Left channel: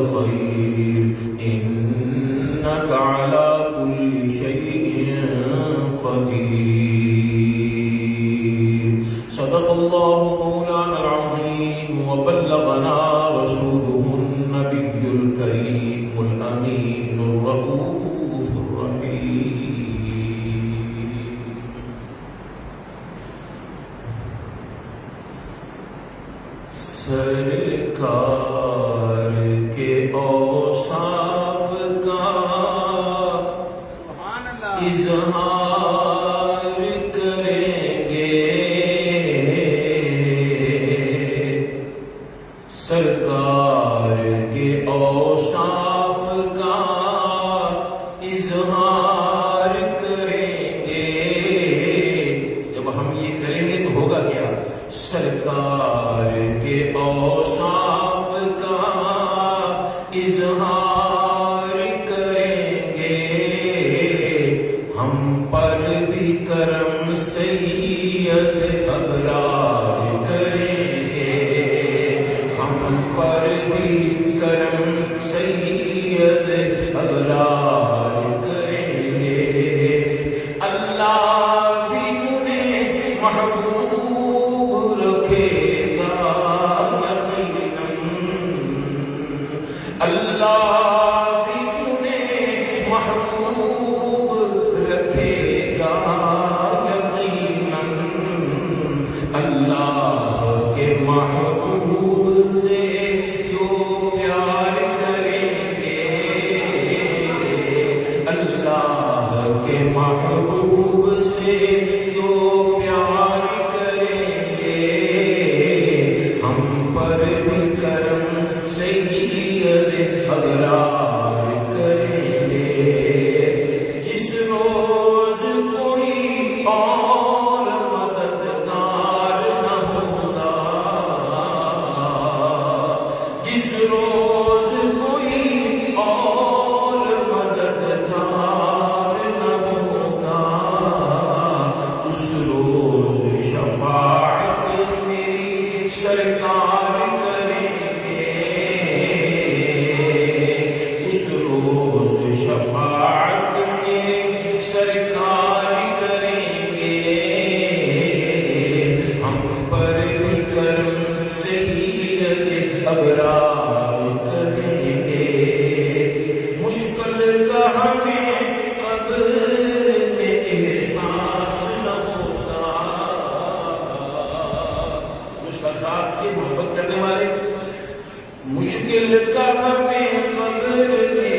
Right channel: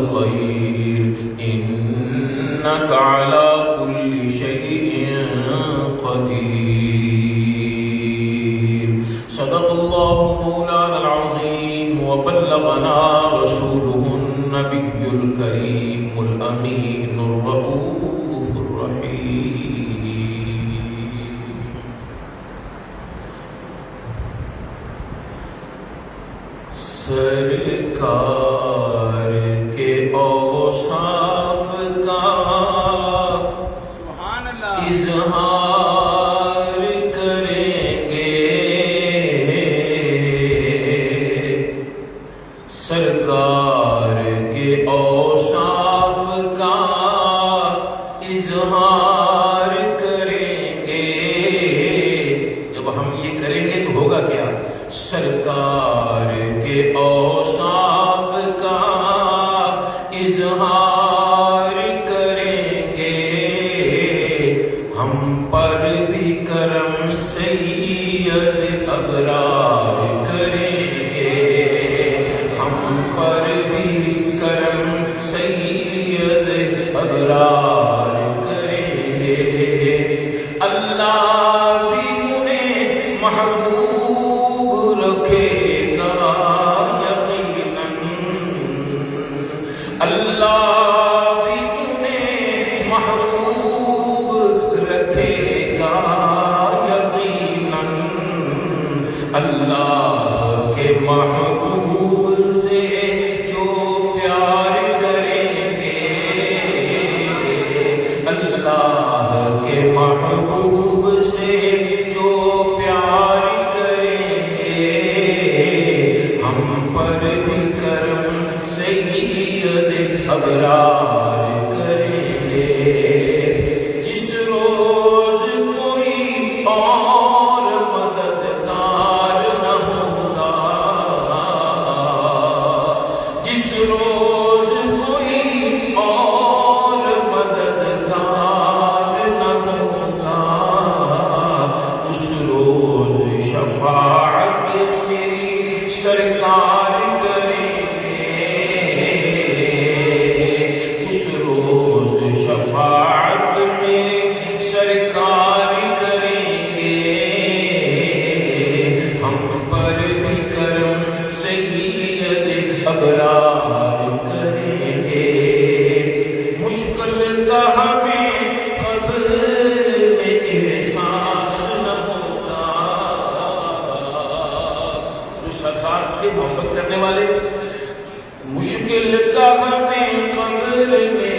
الخير إنك على كل شيء قدير. صدق الله مولانا العظيم وبلغنا رسوله النبي الكريم الأمين الرؤوف الرحيم. سرکار کے اوصاف کا اظہار کریں گے، سرکار کے اوصاف کا اظہار کریں گے. جب ہم یہ کریں گے تو ہوگا کیا؟ سرکار کے اوصاف کا اظہار کریں گے، ہم پر بھی کرم سید ابرار کریں گے، ہم پر بھی کرم سید ابرار کریں گے. اللہ بھی انہیں محبوب رکھے گا یقیناً، اللہ بھی انہیں محبوب رکھے گا یقیناً. اللہ کے محبوب سے جو پیار کریں گے، اللہ کے محبوب سے جو پیار کریں گے، ہم پر بھی کرم سید ابرار کریں گے. جس روز کوئی اور مددگار نہ ہوگا، جس روز کوئی اور مددگار نہ ہوگا، اس روز شفاعت میری سرکار کریں گے، اس روز شفاعت میری سرکار کریں گے، ہم پر بھی کرم سید ابرار کریں گے. مشکل کا ہمیں قبر میں احساس نہ ہوتا، جو سرساز کے محبت کرنے والے، مشکل کا ہمیں قبر میں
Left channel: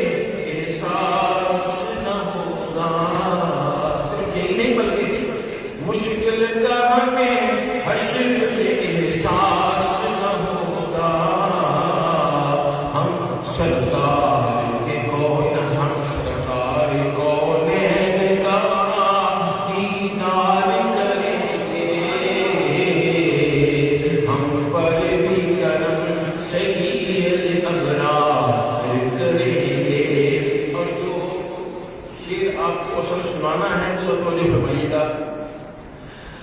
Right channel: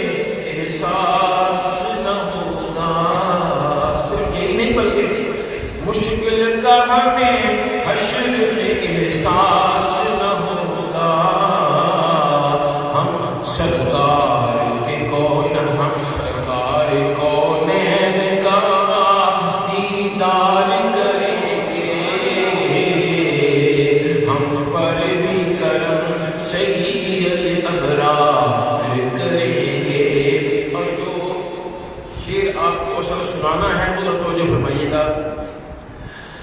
احساس نہ ہوگا. صرف یہی نہیں بلکہ مشکل کا ہمیں حشر میں احساس نہ ہوگا. ہم سرکار کے کون، ہم سرکار کونین کا دیدار کریں گے، ہم پر بھی کرم سید ابرار کریں گے. اور جو شعر آپ کو اصل سنانا ہے وہ توجہ فرمائیے گا.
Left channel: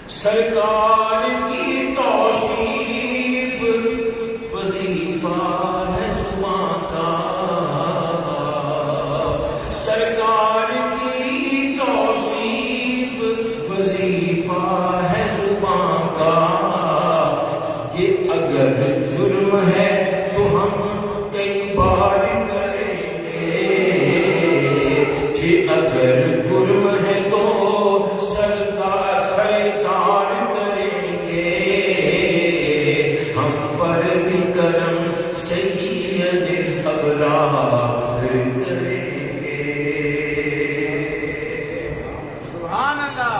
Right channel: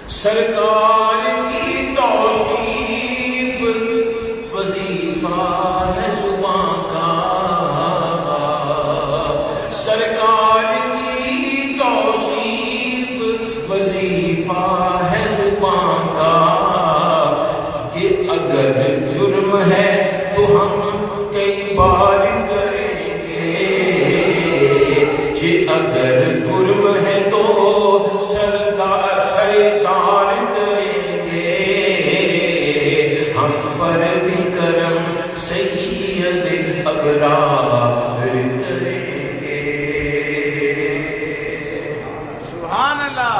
سرکار کی توصیف وظیفہ ہے زباں کا، سرکار کی توصیف وظیفہ ہے زباں کا. کہ اگر جرم ہے تو ہم کئی بار کریں گے، کہ اگر جرم ہے تو سرکار کریں گے، ہم پر بھی کرم سید ابرار کریں گے. سبحان اللہ.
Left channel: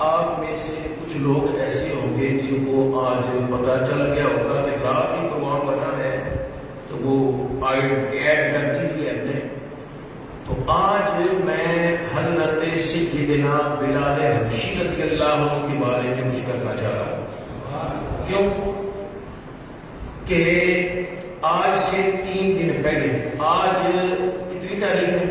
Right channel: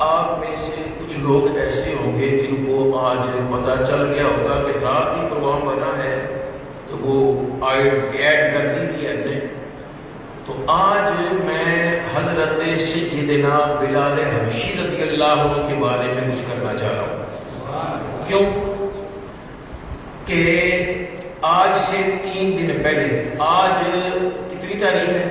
آپ میں سے کچھ لوگ ایسے ہوں گے جن کو آج پتہ چل گیا ہوگا کہ رات ہی پروگرام بنا ہے، تو وہ ایڈ کر دی ہے ہم نے. تو آج میں حضرت سیدنا بلال حبشی رضی اللہ عنہ کے بارے میں کچھ کرنا چاہ رہا ہوں. کیوں کہ آج سے 3 دن پہلے، آج کتنی تاریخ ہے؟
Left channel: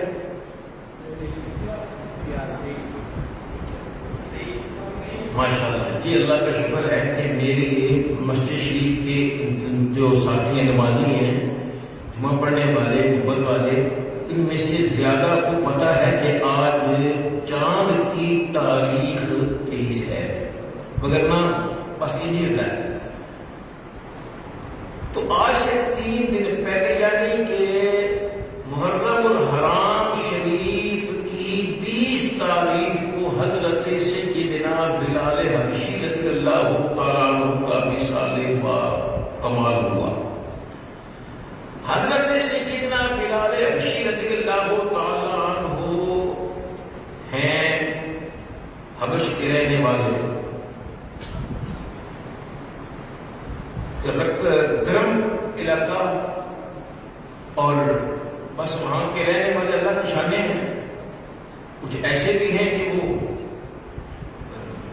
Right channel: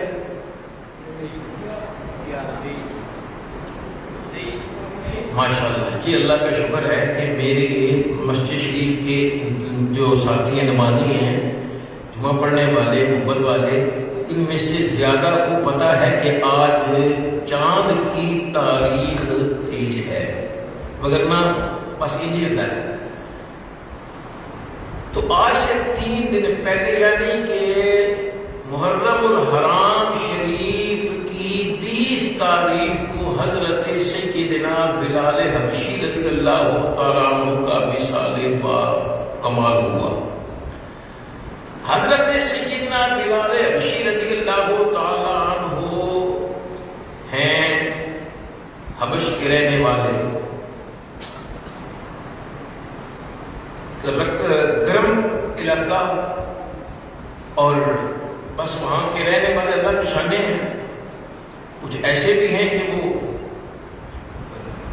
ماشاءاللہ جی، اللہ کا شکر ہے کہ میری مسجد شریف کے جو ساتھی نمازی ہیں، جمعہ پڑھنے والے، محبت والے، ان میں سے زیادہ کو پتہ ہے کہ آج چاند کی تاریخ 23 ہے، وگرنہ بس انجی ہوتا ہے۔ تو آج سے 3 دن پہلے یعنی کہ محرم الحرام شریف کی 20 تاریخ کو حضرت سیدنا بلال حبشی رضی اللہ تعالیٰ عنہ کا وصال با کمال ہوا۔ حضرت سیدنا بلال حبشی رضی اللہ تعالیٰ عنہ ہیں حبش کے رہنے والے، گرم علاقہ، اور بس وہاں کے رہنے والے اللہ کی شانیں ہیں۔ کچھ ایسے بھی ہیں کہ وہ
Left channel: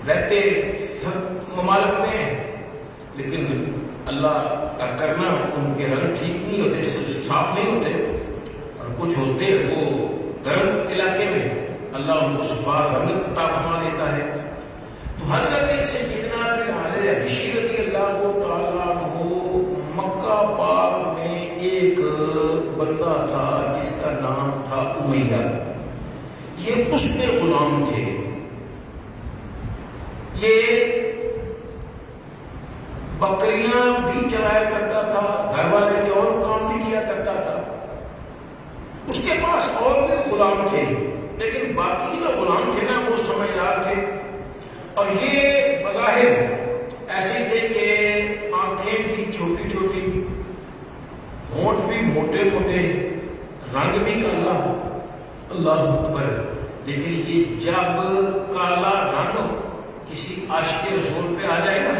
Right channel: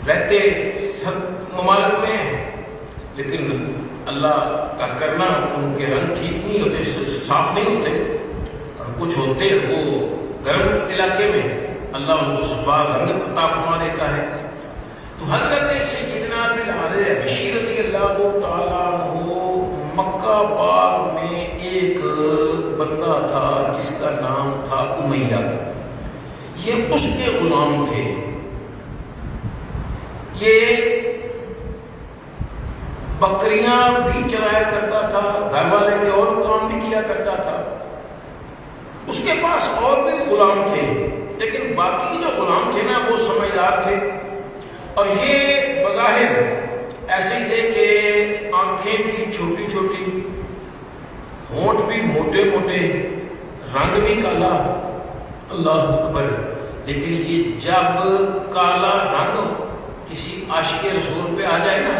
رہتے سب ممالک میں ہیں، لیکن اللہ کا کرنا ان کے رنگ ٹھیک نہیں ہوتے، صاف نہیں ہوتے، اور کچھ ہوتے وہ گرم علاقے میں اللہ ان کو صفا رنگ عطا فرما دیتا ہے۔ تو حضرت سیدنا بلال حبشی رضی اللہ تعالیٰ عنہ مکہ پاک میں ایک بندہ تھا جس کا نام تھا امیہ، یہ اس کے غلام تھے۔ یہ بکریاں بھی چرایا کرتا تھا، گھر والے کے اور کام بھی کیا کرتا تھا، اس کے پاس اور بھی غلام تھے، لیکن باقی جو غلام تھے نا وہ سمجھدار تھے، اور یہ بظاہر ایسے تھے کہ آنکھیں بھی چھوٹی چھوٹی، ہونٹ بھی موٹے موٹے، رنگ بھی کالا، اللہ اکبر۔ لیکن یہ جب کالا رنگ کسی عاشق رسول پہ آ جائے نا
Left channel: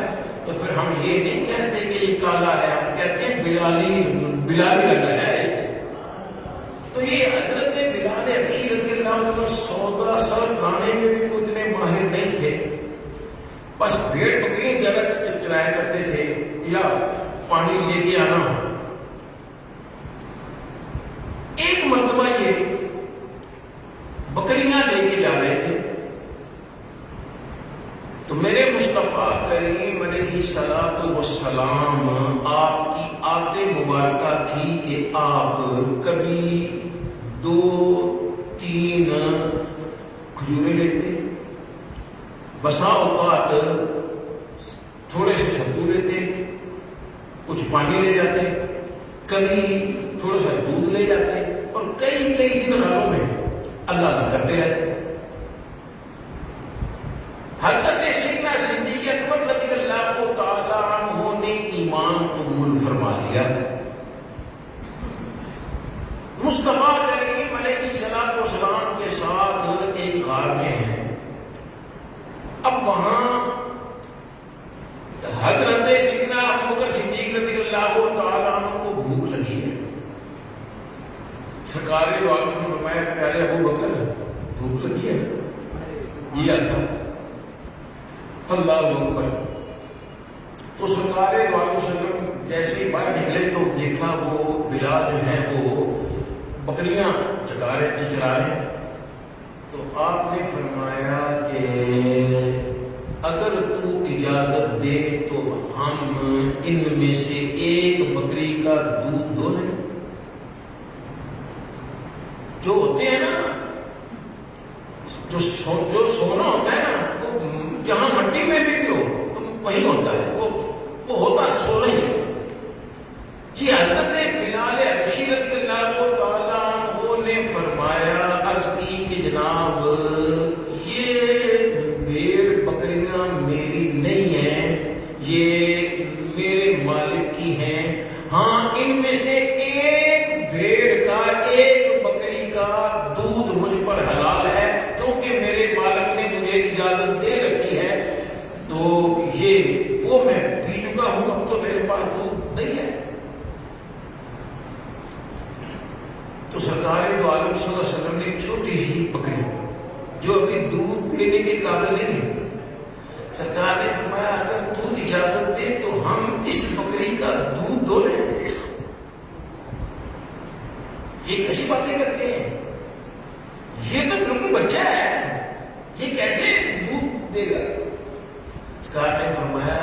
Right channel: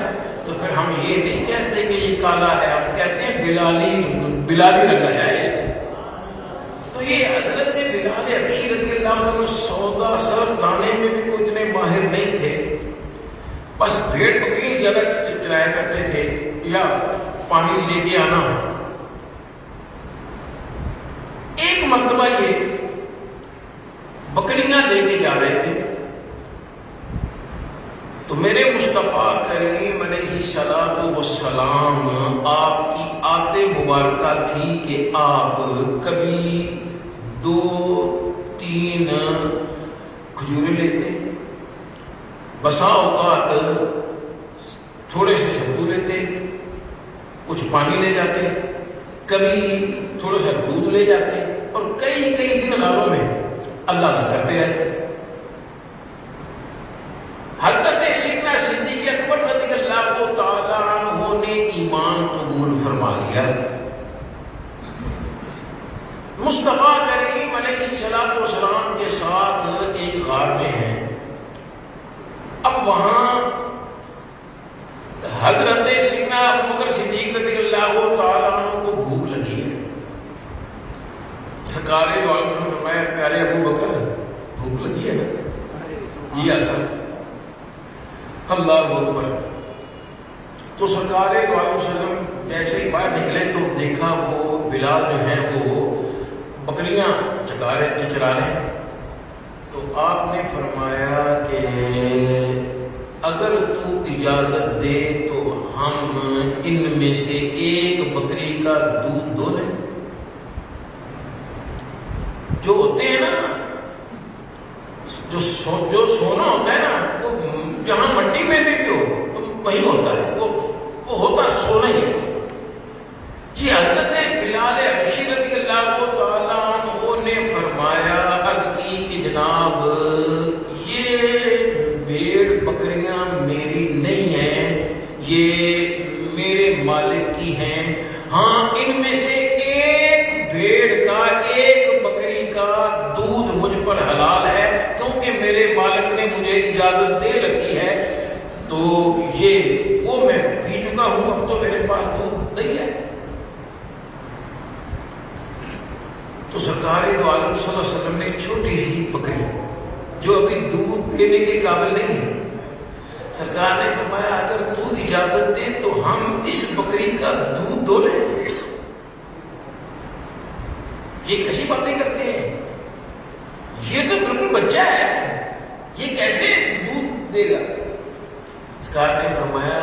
تو پھر ہم یہ نہیں کہتے کہ یہ کالا ہے، ہم کہتے ہیں بلالی رنگ آیا ہے اس کو۔ تو یہ حضرت بلال حبشی رضی اللہ عنہ سودا صرف لانے میں بھی کوئی اتنے ماہر نہیں تھے، بس بھیڑ بکری زیادہ چرایا کرتے تھے یا پانی لے کے آنا۔ ایک مرتبہ یہ بکریاں لے کے جا رہے تھے تو میرے مصطفیٰ کریم علیہ الصلوۃ والسلام آپ کی عادت مبارکہ تھی کہ آپ کبھی 2-3 کھجوریں لیتے، بسا اوقات تھوڑے سے ستو لیتے، کچھ پانی لے جاتے، کبھی تھوڑا سا دودھ لے جاتے، اور کئی دن غاروں میں اللہ کرتے رہتے۔ حضرت سیدنا صدیق اکبر رضی اللہ تعالیٰ عنہ نے ایمان قبول فرما لیا۔ مصطفیٰ کریم علیہ الصلوۃ والسلام کے ساتھ ایک غار میں ہیں۔ اب وہاں حضرت سیدنا ابوبکر صدیق رضی اللہ تعالیٰ عنہ کو بھوک لگی ہے۔ سرکار دو عالم نے فرمایا پیارے ابو بکر بھوک لگی ہے نا؟ جی آقا۔ اللہ اکبر۔ تو سرکار دو عالم وسلم جیسے ہی باہر نکلے تو دیکھا وہ بلال جو ہیں وہ بکریاں چرا رہے ہیں۔ تو آپ نے فرمایا کہ اگر تو اجازت دے تو ہم ان میں سے ایک بکری کا دودھ دو دیں۔ جو ہوتے ہیں نا جو سونا ہوتا ہے نا وہ جہاں مٹی میں بھی ہو تو وہیں ہوتا ہے، وہ ہوتا سونا ہی ہے۔ جی حضرت بلال حبشی رضی اللہ تعالیٰ عنہ نے فرمایا، عرض کی کہ جناب یہ بھیڑ بکریاں میری نہیں ہیں، یہ میرے مالک کی ہیں۔ ہاں ان میں سے ایک بھیڑ کا ایک بکری کا دودھ مجھ پر حلال ہے کیونکہ میرے مالک نے مجھے اجازت دے رکھی ہے، تو یہ وہ میں پی چکا ہوں، اب تو میرے پاس دودھ نہیں ہے۔ تو سرکار دو عالم صلی اللہ علیہ وسلم نے چھوٹی سی بکری جو ابھی دودھ دینے کے قابل نہیں ہے، سرکار نے فرمایا اگر تو اجازت دے تو ہم اس بکری کا دودھ دو لیں۔ یہ کیسی باتیں کرتے ہیں، یہ تو بالکل بچہ ہے، یہ کیسے دودھ دے گا؟ سرکار نے فرمایا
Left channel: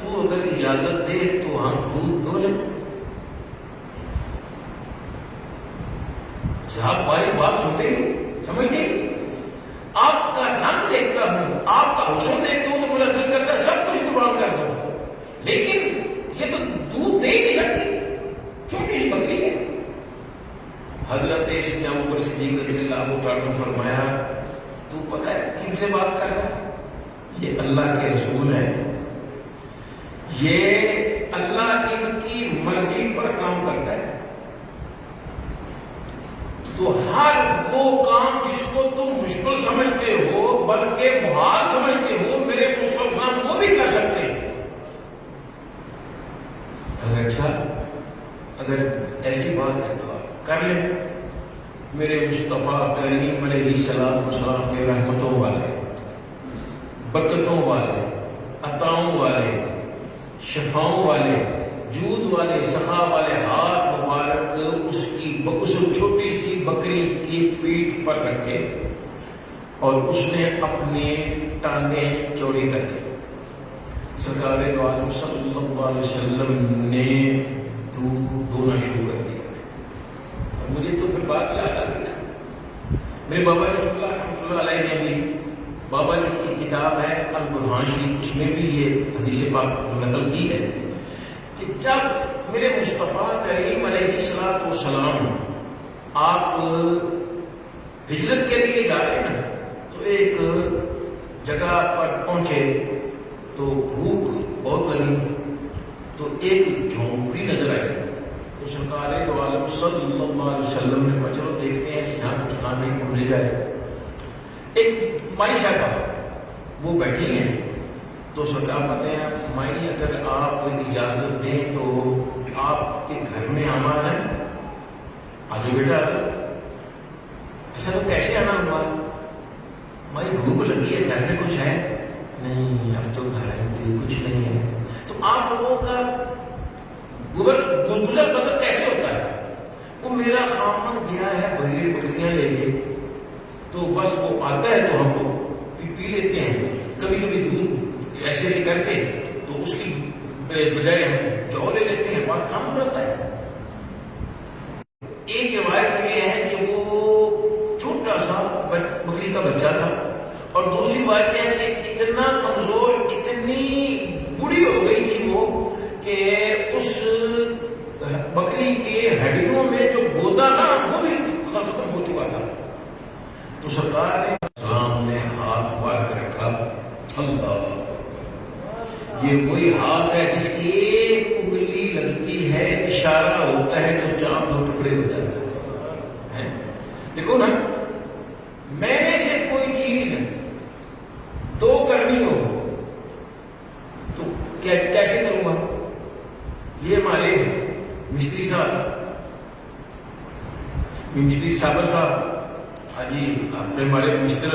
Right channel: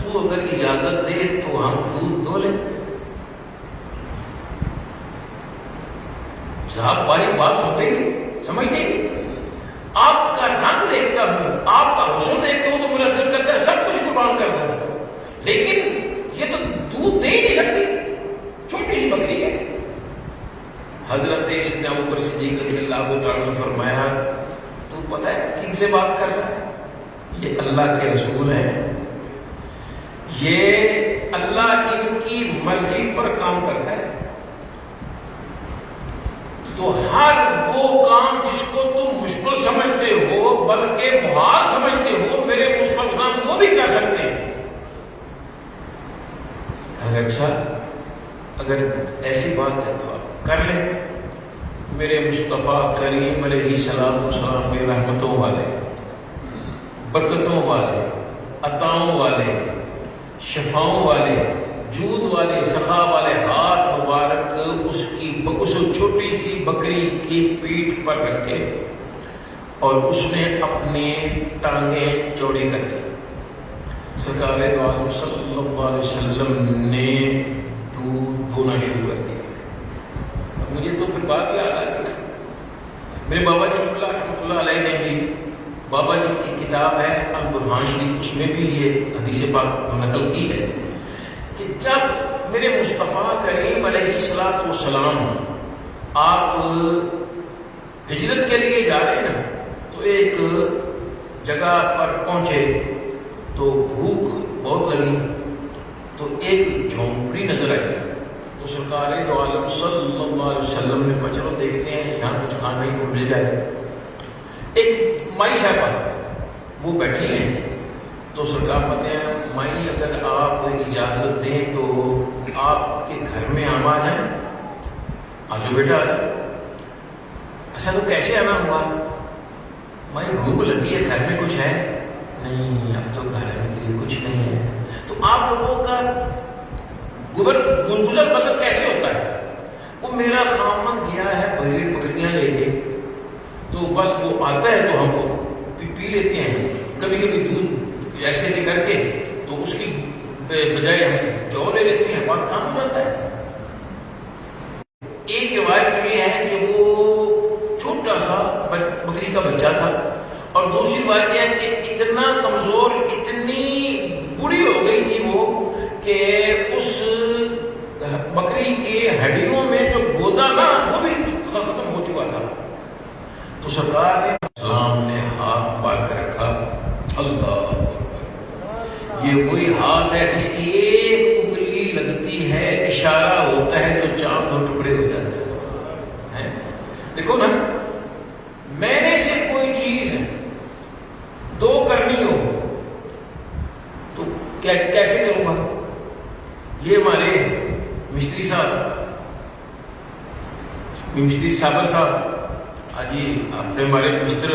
تو تو اگر اجازت دے تو ہم دودھ دھو لیں. صاحب باری بات سنتے نہیں, سمجھتے نہیں. آپ کا رنگ دیکھتا ہوں, آپ کا حسن دیکھتا ہوں تو میرا دل کرتا ہے سب کچھ قربان کر دوں, لیکن یہ تو دودھ دے ہی نہیں سکتی, چھوٹی سی بکری ہے. حضرت سیدنا ابوبکر صدیق رضی اللہ تعالیٰ نے فرمایا تو پتہ ہے کن سے بات کر رہا ہے؟ یہ اللہ کے رسول ہیں, یہ اللہ ان کی مرضی پر کام کرتا ہے. تو ہر وہ کام جس کو تم مشکل سمجھتے ہو بلکہ محال سمجھتے ہو, میرے مصطفیٰ وہ بھی کر سکتے ہیں. اچھا اگر ایسی بات ہے تو آپ کر لیں. میرے مصطفیٰ کریم علیہ السلام میں رحمتوں والے, برکتوں والے, عطاؤں والے, شفاؤں والے, جود والے, سخا والے ہاتھ مبارک اس چھوٹی سی بکری کی پیٹھ پر رکھے اور اس نے اپنی ٹانگیں چوڑی کر دی. سرکار عالم صلی اللہ علیہ وسلم نے دودھ دھونا شروع کر دیا. اور مجھے تو پھر بات یاد آ گئی. میرے بابا جی رحمۃ اللہ علیہ نے بھی, بابا جی کی کتاب ہے البرہان شریف, اس میں بھی یہ حدیث پاک نقل کی ہے کہ جب میرے مصطفیٰ کریم علیہ السلام آپ ہجرت کے لیے جا رہے ہیں تو ایک جگہ پر پہنچے تو بھوک بہت لگی, تو ایک جھونپڑی نظر آئی. تو سرکار دو عالم صلی اللہ علیہ وسلم نے کہا چلو دیکھتے ہیں یہاں کچھ کھانے کو مل جائے. ایک مائی صاحبہ وہ بیٹھی ہیں, تو سرکار کہتے ہیں مائی اگر آپ اجازت دیں تو آپ کے گھر میں ہم آ جائیں. آجو بیٹا آجو. ایسا تو کیسے آنا ہوا؟ مائی بھوک لگی ہے, گھر میں کچھ ہے؟ نہیں اب تو گھر میں کچھ نہیں ہے. تو آپ لوگوں کا گزر بسر کیسے ہوتا ہے؟ وہ میرا خامن گیا ہے بغیر بکریاں لے کے, تو بس وہ آتا ہے تو ہم لوگ پی لیتے ہیں, کبھی کبھی دودھ ایسے سے کر کے تو اس کی بجائے ہم جو لے لیتے ہیں, بات کام ہو جاتا ہے. ایک روایت یہ ہے کہ وہ چھوٹا سا بکری کا بچہ تھا, اور دوسری بات یہ ہے کہ اتنا کمزور, اتنی بوڑھی ہو گئی تھی وہ کہ اس بکری کے ہڈیوں میں جو گودا نا وہ بھی ختم ہو چکا تھا. تو سرکار نے سلام نے ہاتھ مبارک رکھا, اللہ اکبر, یہ وہی ہاتھ ہے جس کی ایک انگلی لگتی ہے, اشارہ ہوتا ہے تو چاند دو ٹکڑے ہو جاتے ہیں. دیکھو نا, میں نے سے کوئی چیز دو کرنی ہو تو کیسے کروں گا؟ یہ ہمارے مستری صابر صاحب, جی اپنے ہمارے مستر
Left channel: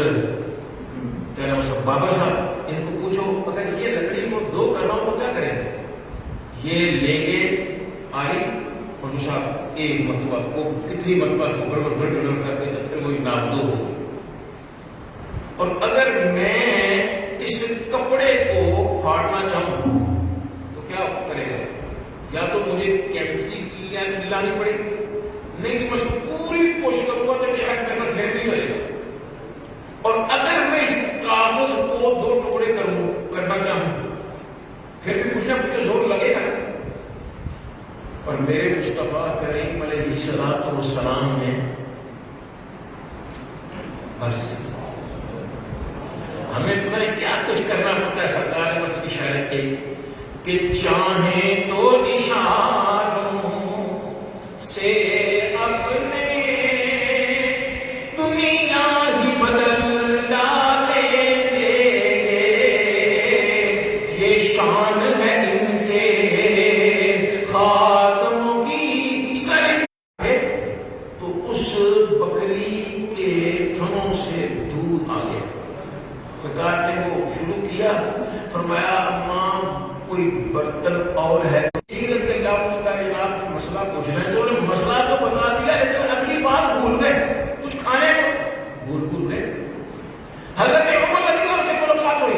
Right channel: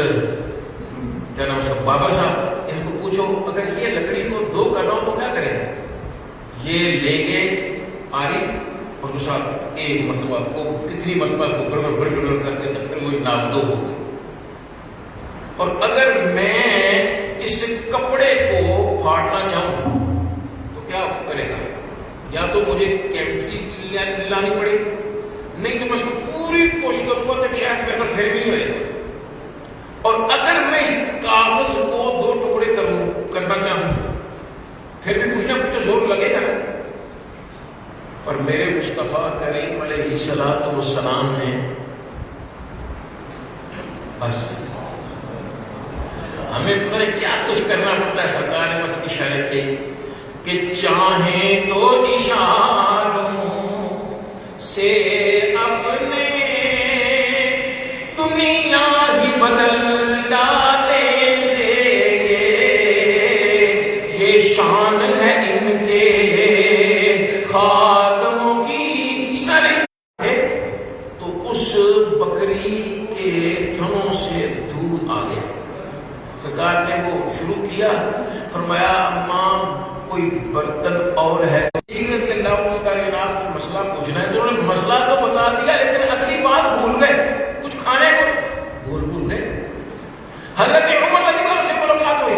کیا نام صاحب بابا صاحب, ان کو پوچھو اگر یہ لکڑی کو دو کرنا ہو تو کیا کریں گے؟ یہ لیں گے آری اور اس ایک مرتبہ کو کتنی مرتبہ اس کو گڑبڑ کر کے تو پھر وہ ناپ دو ہوگا. اور اگر میں اس کپڑے کو پھاڑنا چاہوں تو کیا کرے گا؟ یا تو مجھے کیپیسٹی لانی پڑے گی, نہیں تو میں اس کو پوری کوشش کروں گا تو شاید میرے پر پھر بھی ہوئے گا. اور اگر میں اس کاغذ کو دو ٹکڑے کرنا چاہوں پھر بھی کچھ نہ کچھ زور لگے گا نا. اور میرے مصطفیٰ کریم علیہ السلام نے بس ہمیں پتہ نہیں کیا کچھ کرنا پڑتا ہے. سرکار نے بس اشارے کیے کہ چاہیں تو اشاروں سے اپنے دنیا ہی بدل ڈالیں گے, یہ شان ہے ان کے خادموں کی سر ہے. تو اس بکری کے تھنوں سے دودھ آ گیا. سرکار نے وہ شروع کیا, فرمایا اماں کوئی برتن اور ہے؟ رضی اللہ عنہ کا جناب کوئی مسئلہ پوچھنا ہے. تو انہوں نے مسئلہ تو بتا دیا لیکن اگلی بات بھول گئے, کچھ کھانے کو بھول گئے. حضرت عمر رضی اللہ عنہ سے ملاقات ہوئی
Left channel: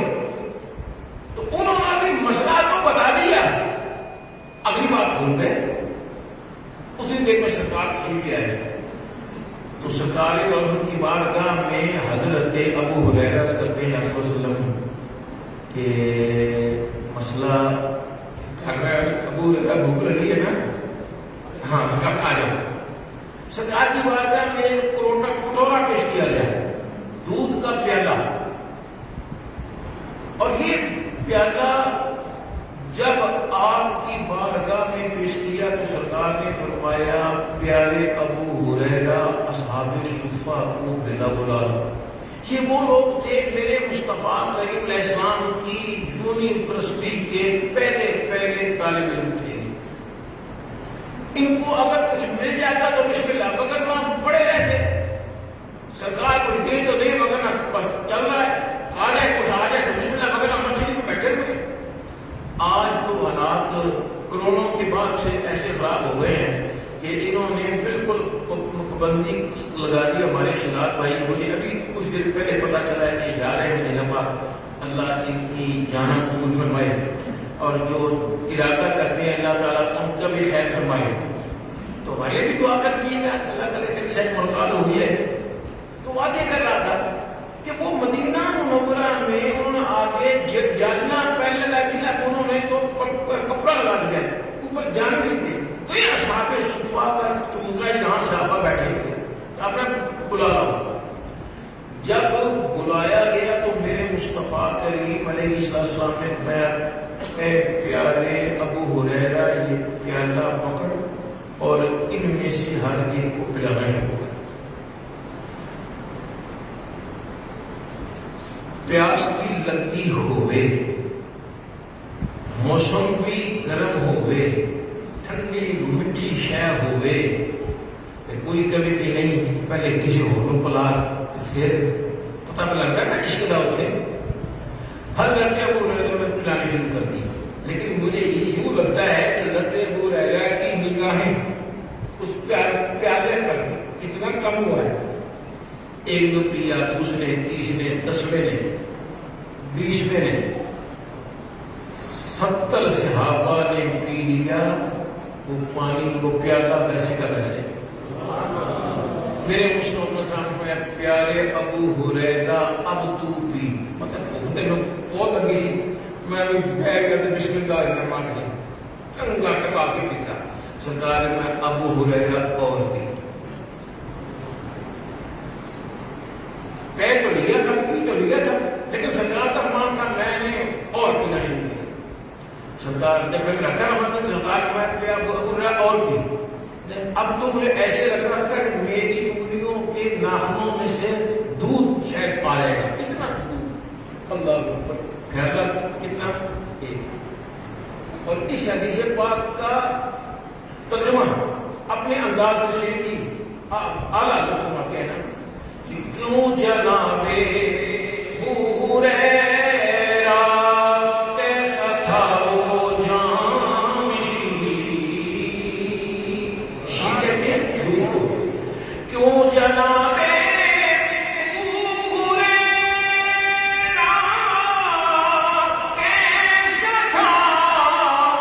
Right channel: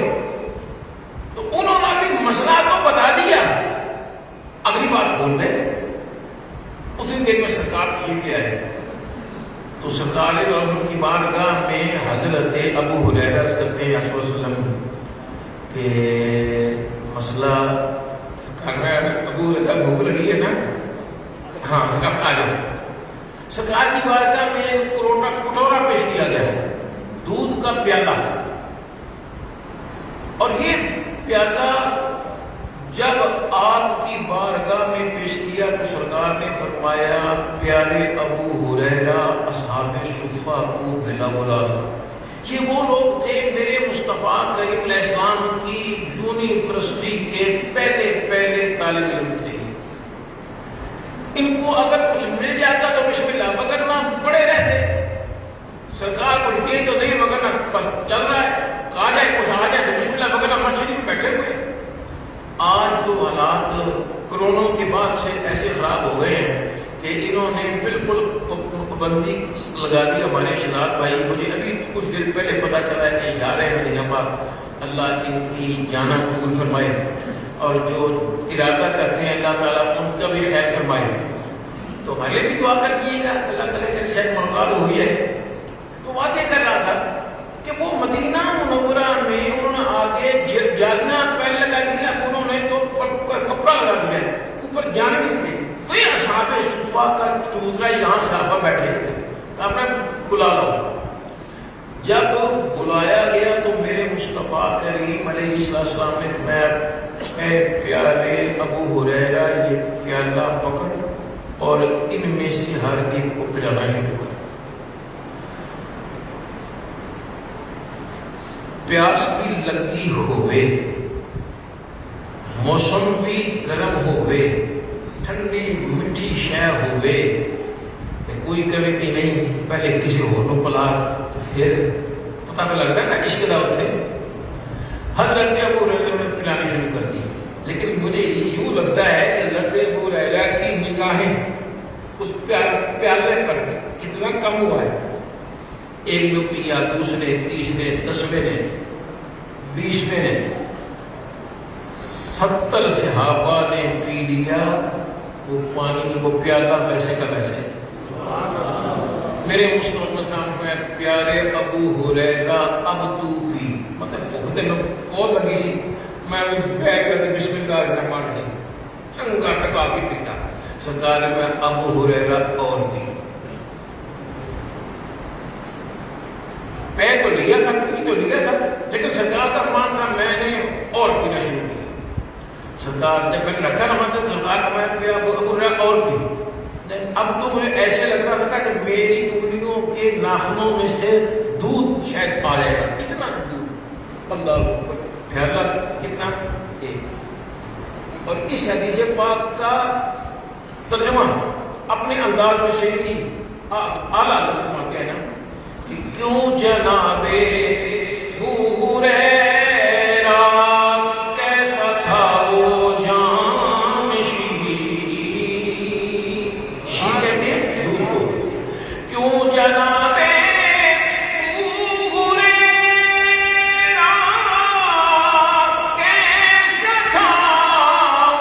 تو انہوں نے بھی مسئلہ تو بتا دیا اتنی دیر میں سرکار تشریف لے آئے تو سرکار کی بارگاہ میں حضرت ابو ہریرہ عرض کرتے ہیں یا رسول اللہ علیہ وسلم کہ مسئلہ سرکار میں ابو ہریرہ بھوک لگی ہے نا، ہاں سرکار میں آ جاؤ۔ سرکار کی بارگاہ میں کٹورا پیش کیا گیا، دودھ کا پیالہ، اور یہ پیالہ جب آپ کی بارگاہ میں پیش کیا تو سرکار نے فرمایا پیارے ابو ہریرہ اصحاب صفہ کو بلا بلا۔ یہ وہ لوگ تھے میرے مصطفیٰ کریم علیہ السلام کی یونیورسٹی کے پہلے طالب علم تھے، ان کو اگر کچھ مل جاتا تو بسم اللہ، مگر نہ پڑے رہتے، سرکار کچھ دے تو نہیں مگر نہ بس چل رہا ہے، آ جائے کچھ آ جائے تو بسم اللہ، مگر نہ مسجد میں بیٹھے ہوئے۔ آج تو حالات کرونا کے بعد سے ایسے خراب ہو گئے ہیں کہ انہوں نے بالکل پابندی لگا دی۔ ہمارے شہزاد بھائی مجھے ابھی کچھ دن پہلے پتہ چلا ہے کہ جا رہے ہیں مدینہ پاک، اللہ ان کی جانا قبول فرمائے، اور جو ارادہ کرتے ہیں اللہ تعالیٰ ان کا بھی خیر فرمائے۔ تو ہمارے بھی دعا کر کیجیے گا، اللہ تعالیٰ کے شاید ملاقات ہوئی ہے۔ تو وعدے کر رہا تھا کہ وہ مدینہ منورہ میں انہوں نے آگے جالیاں پین لگا دیا، انہوں نے تو کپڑا لگا دیا، اوپر جانے نہیں تھے۔ وہی اصحاب صفہ کا چوترا یہاں صحابہ بیٹھے تھے، کہا میں بلا لاؤ۔ جب بلایا گیا تو میرے مصطفیٰ کریم علیہ السلام نے فرمایا اے پیارے ابو ہریرہ یہ پیالہ پکڑ اور ان میں سے ہر ایک کو پلانا شروع کر۔ پیاس بھی لگی ہوئے، موسم بھی گرم ہوئے، ٹھنڈی میٹھی شے ہوئے، کوئی کہے کہ نہیں پہلے کسی اور کو پلا تو پھر پتہ پہ لگتا ہے نا عشق دعوت ہے۔ حضرت ابو ہریرہ نے پلانی شروع کر دی، لیکن مجھے یوں لگتا ہے کہ حضرت ابو ہریرہ کی نگاہیں اس پیالے پر کتنا کم ہوا ہے۔ ایک نے پیا، دوسرے، تیسرے، 10ویں نے، 20ویں نے، 70 صحابہ نے پی لیا وہ پانی، وہ پیالہ ویسے کا ویسے۔ میرے مصطفیٰ میں پیارے ابو ہریرہ اب تو پی، مطلب دن بہت لگی سی، میں بھی بیٹھ کر بسم اللہ الرحمن الرحیم سنگا ٹکا کے پیتا۔ سرکار نے میں ابو ہریرہ اور پی، پہ تو لیا تھا، پی تو لیا تھا، لیکن سرکار کا مان تھا میں نے اور پینا شروع کیا۔ سرکار جب میں نے رکھا نہ ہوتا سرکار نے میں پیا ابو ہریرہ اور پی۔ اب تو مجھے ایسے لگ رہا تھا کہ میری انگلیوں کے ناخنوں میں سے دودھ شاید آ جائے گا، اتنا دودھ، اللہ اکبر۔ پیالہ کتنا؟ ایک۔ اور اس حدیث پاک کا ترجمہ اپنے انداز میں شیری اعلیٰ فرماتے ہیں نا کہ کیوں جناب ابو ہریرہ کیسا تھا وہ جام شی کہتے ہیں دودھ کو، کیوں جناب ابو ہریرہ کیسا تھا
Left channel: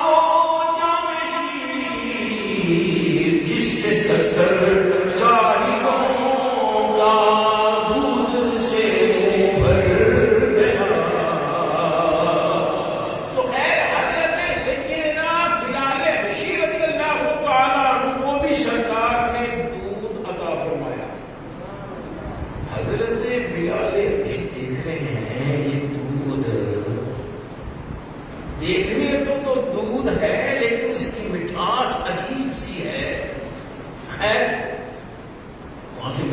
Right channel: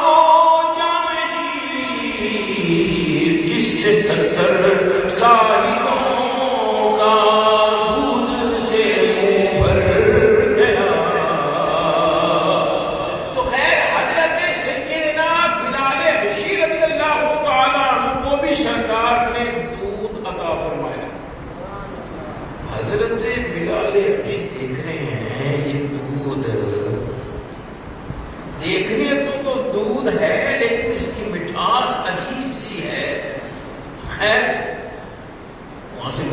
وہ جام شیر جس سے 70 صاحبوں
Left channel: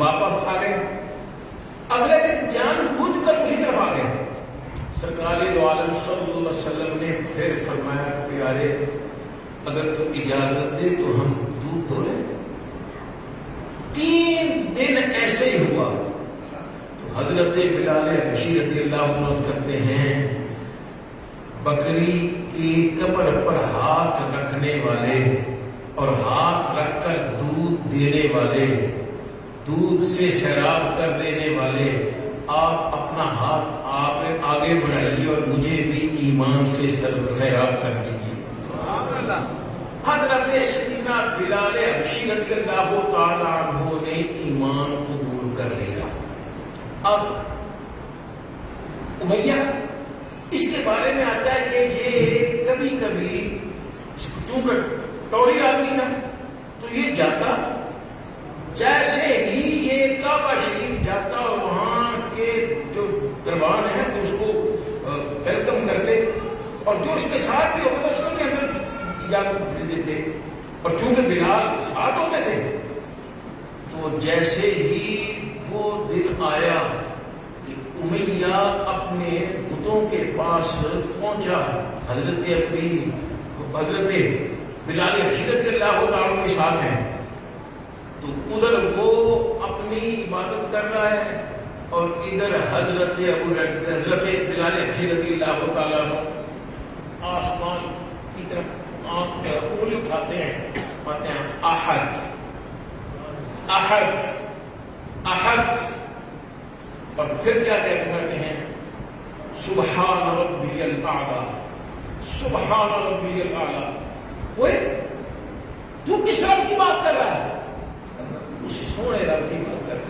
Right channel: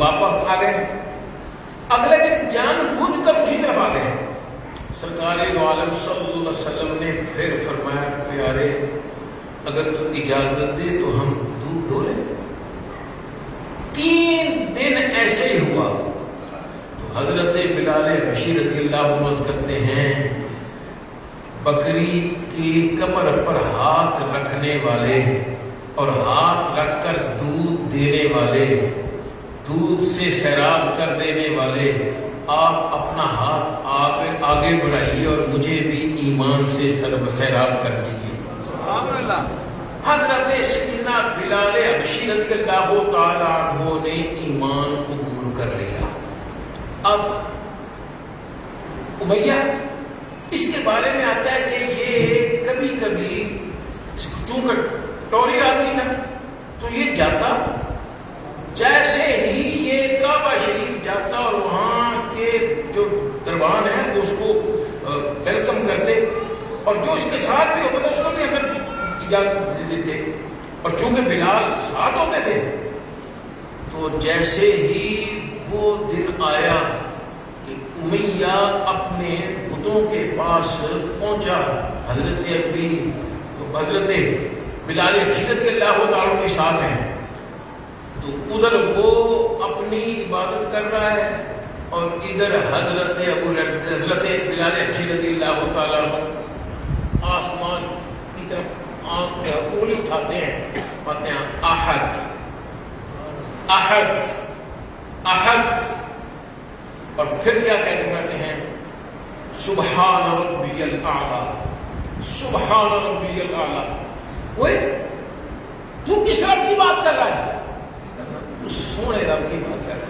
واپس آ گئے۔ اگلے دن جان بوجھ کر اسی طرف آ گئے۔ سرکار دو عالم صلی اللہ علیہ وسلم نے پھر فرمایا پیارے اگر تو اجازت دے تو ہم دودھ دھو لیں۔ 3 دن ایسے ہی ہوا تو حضرت بلال حبشی رضی اللہ عنہ کرتے ہیں بکری کی کمر پر ہاتھ رکھنے والے اور ہاتھ رکھ کر دودھ دینے والے، دودھ سے سیراب کر دینے والے، آپ اپنا ہاتھ آپ آگے بڑھائیے اور مجھے بھی ایمان سے سیراب کر دیجیے۔ حضرت سیدنا بلال حبشی رضی اللہ تعالی عنہ نے ایمان قبول کر لیا. اب امیہ اس کے بارے میں آتا ہے کہ یہ کبھی کبھی چونکہ ٹوری آدمی تھا تو یہ جاتا جیسے ہی یہ کعبہ شریف جاتا اور وہاں کے جو دربان ہیں وہ اس کو ویلکم کرتے اور جو اس کے ساتھ بھی ہوتا تھا اس کو بھی اندر اجازت دے دیتے. اور چونکہ بلال ساتھ ہوتے تھے تو جیسے ہی وہ دن آیا کہ امیہ اپنے بتوں کے پاس پہنچا، حضرت بلال حبشی رضی اللہ تعالیٰ کے ساتھ ہیں، تو ادھر وہ اپنی عبادت کر رہا ہے اور ادھر حضرت بلال حبشی رضی اللہ تعالیٰ آسمان کی طرف انگلی اٹھاتے ہیں، کہتے ہیں احد احد احد، اور پھر کیا کہتے ہیں سبحان ربی الاعلی، سبحان ربی الاعلی. وہ تو کس رب کی بات کر رہا ہے؟ تو سونے رب کی بات کر رہا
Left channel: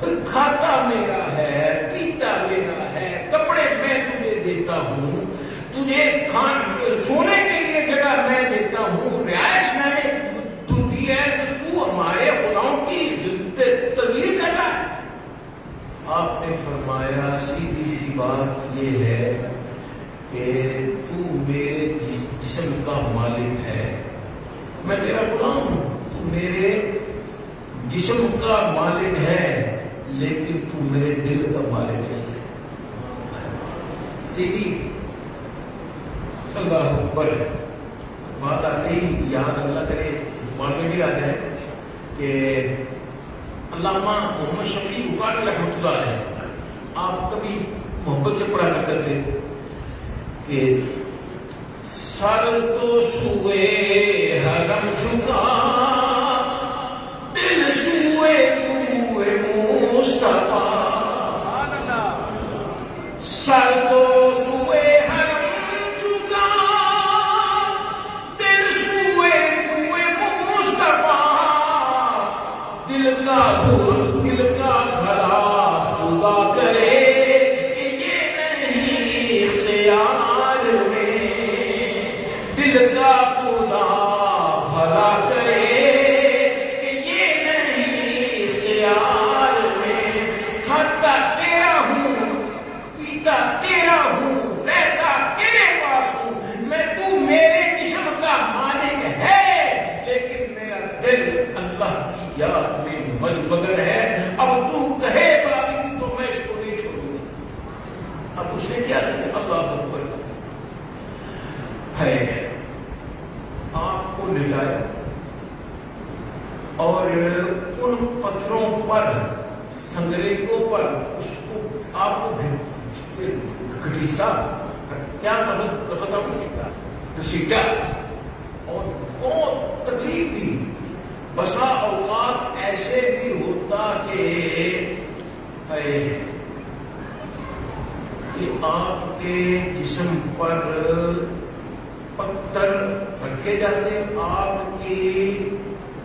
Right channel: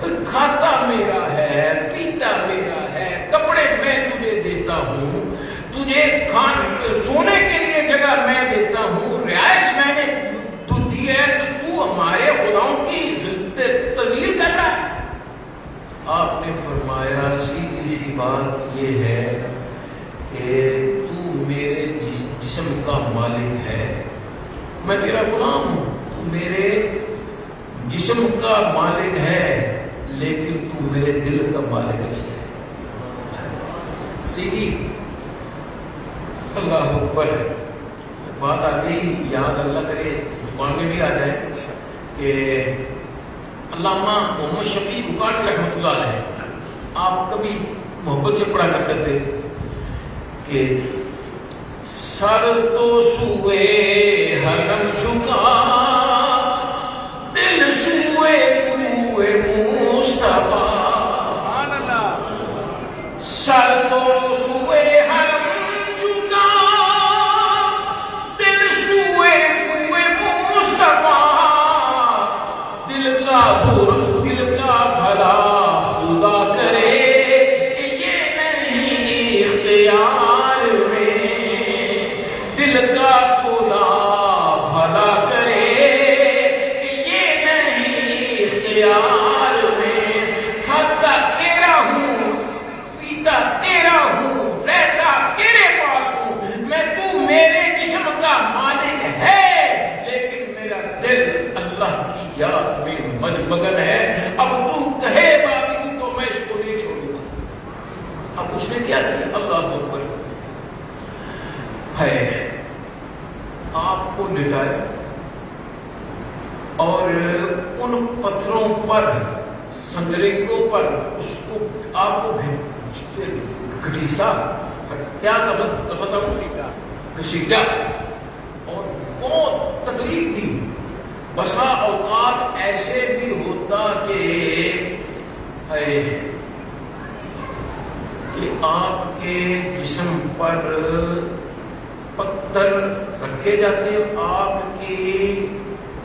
ہے. کھاتا میرا ہے، پیتا میرا ہے، کپڑے میں تجھے دیتا ہوں، تجھے سونے کے لیے جگہ میں دیتا ہوں، رہائش میں نے تو دی ہے، تو ہمارے خداؤں کی تغلیق کر رہا ہے. آپ نے فرمایا سیدھی سی بات یہ ہے کہ تو میرے جسم کا مالک ہے، میں تیرا غلام ہوں، تو میرے جسم کا مالک ہے لیکن تو میرے دل کا مالک نہیں ہے. سیدھی اللہ اکبر ہے. بات آ گئی یاد، اللہ کرے زبان میں بھی آ جائے کہ علامہ محمد شفیع بخاری رحمۃ اللہ علیہ آپ کبھی محبت سے پڑھا کرتے تھے کہ سر تو سوئے حرم جھکا، دل سوئے کوئے مصطفیٰ، سر تو سوئے حرم جھکا، دل سوئے کوئے مصطفیٰ، دل کا بھلا خدا کرے کہ یہ نہیں اختیار میں، دل کا خدا بھلا کرے کہ یہ نہیں اختیار میں. کھاتا تیرا ہوں، پیتا تیرا ہوں، رہتا تیرے پاس ہوں میں، تو میرے جسم کا مالک ہے لیکن میرا دل اللہ کی یاد میں مگن ہے. اب تو کہے بابی تو میں اس کو نہیں چھوڑوں گا. اب اس نے کیا کیا؟ اللہ اکبر ہے، آپ کو لٹایا اور ان پتھروں پر، سنگریگوں پر اس کو آپ کو گھٹیسا، کیا گھسیٹا اور بہت تکلیف دی. بسا اوقات ایسے بھی ہوتا کہ آپ کے جسم پر پتھر رکھے جاتے ہیں، آپ کی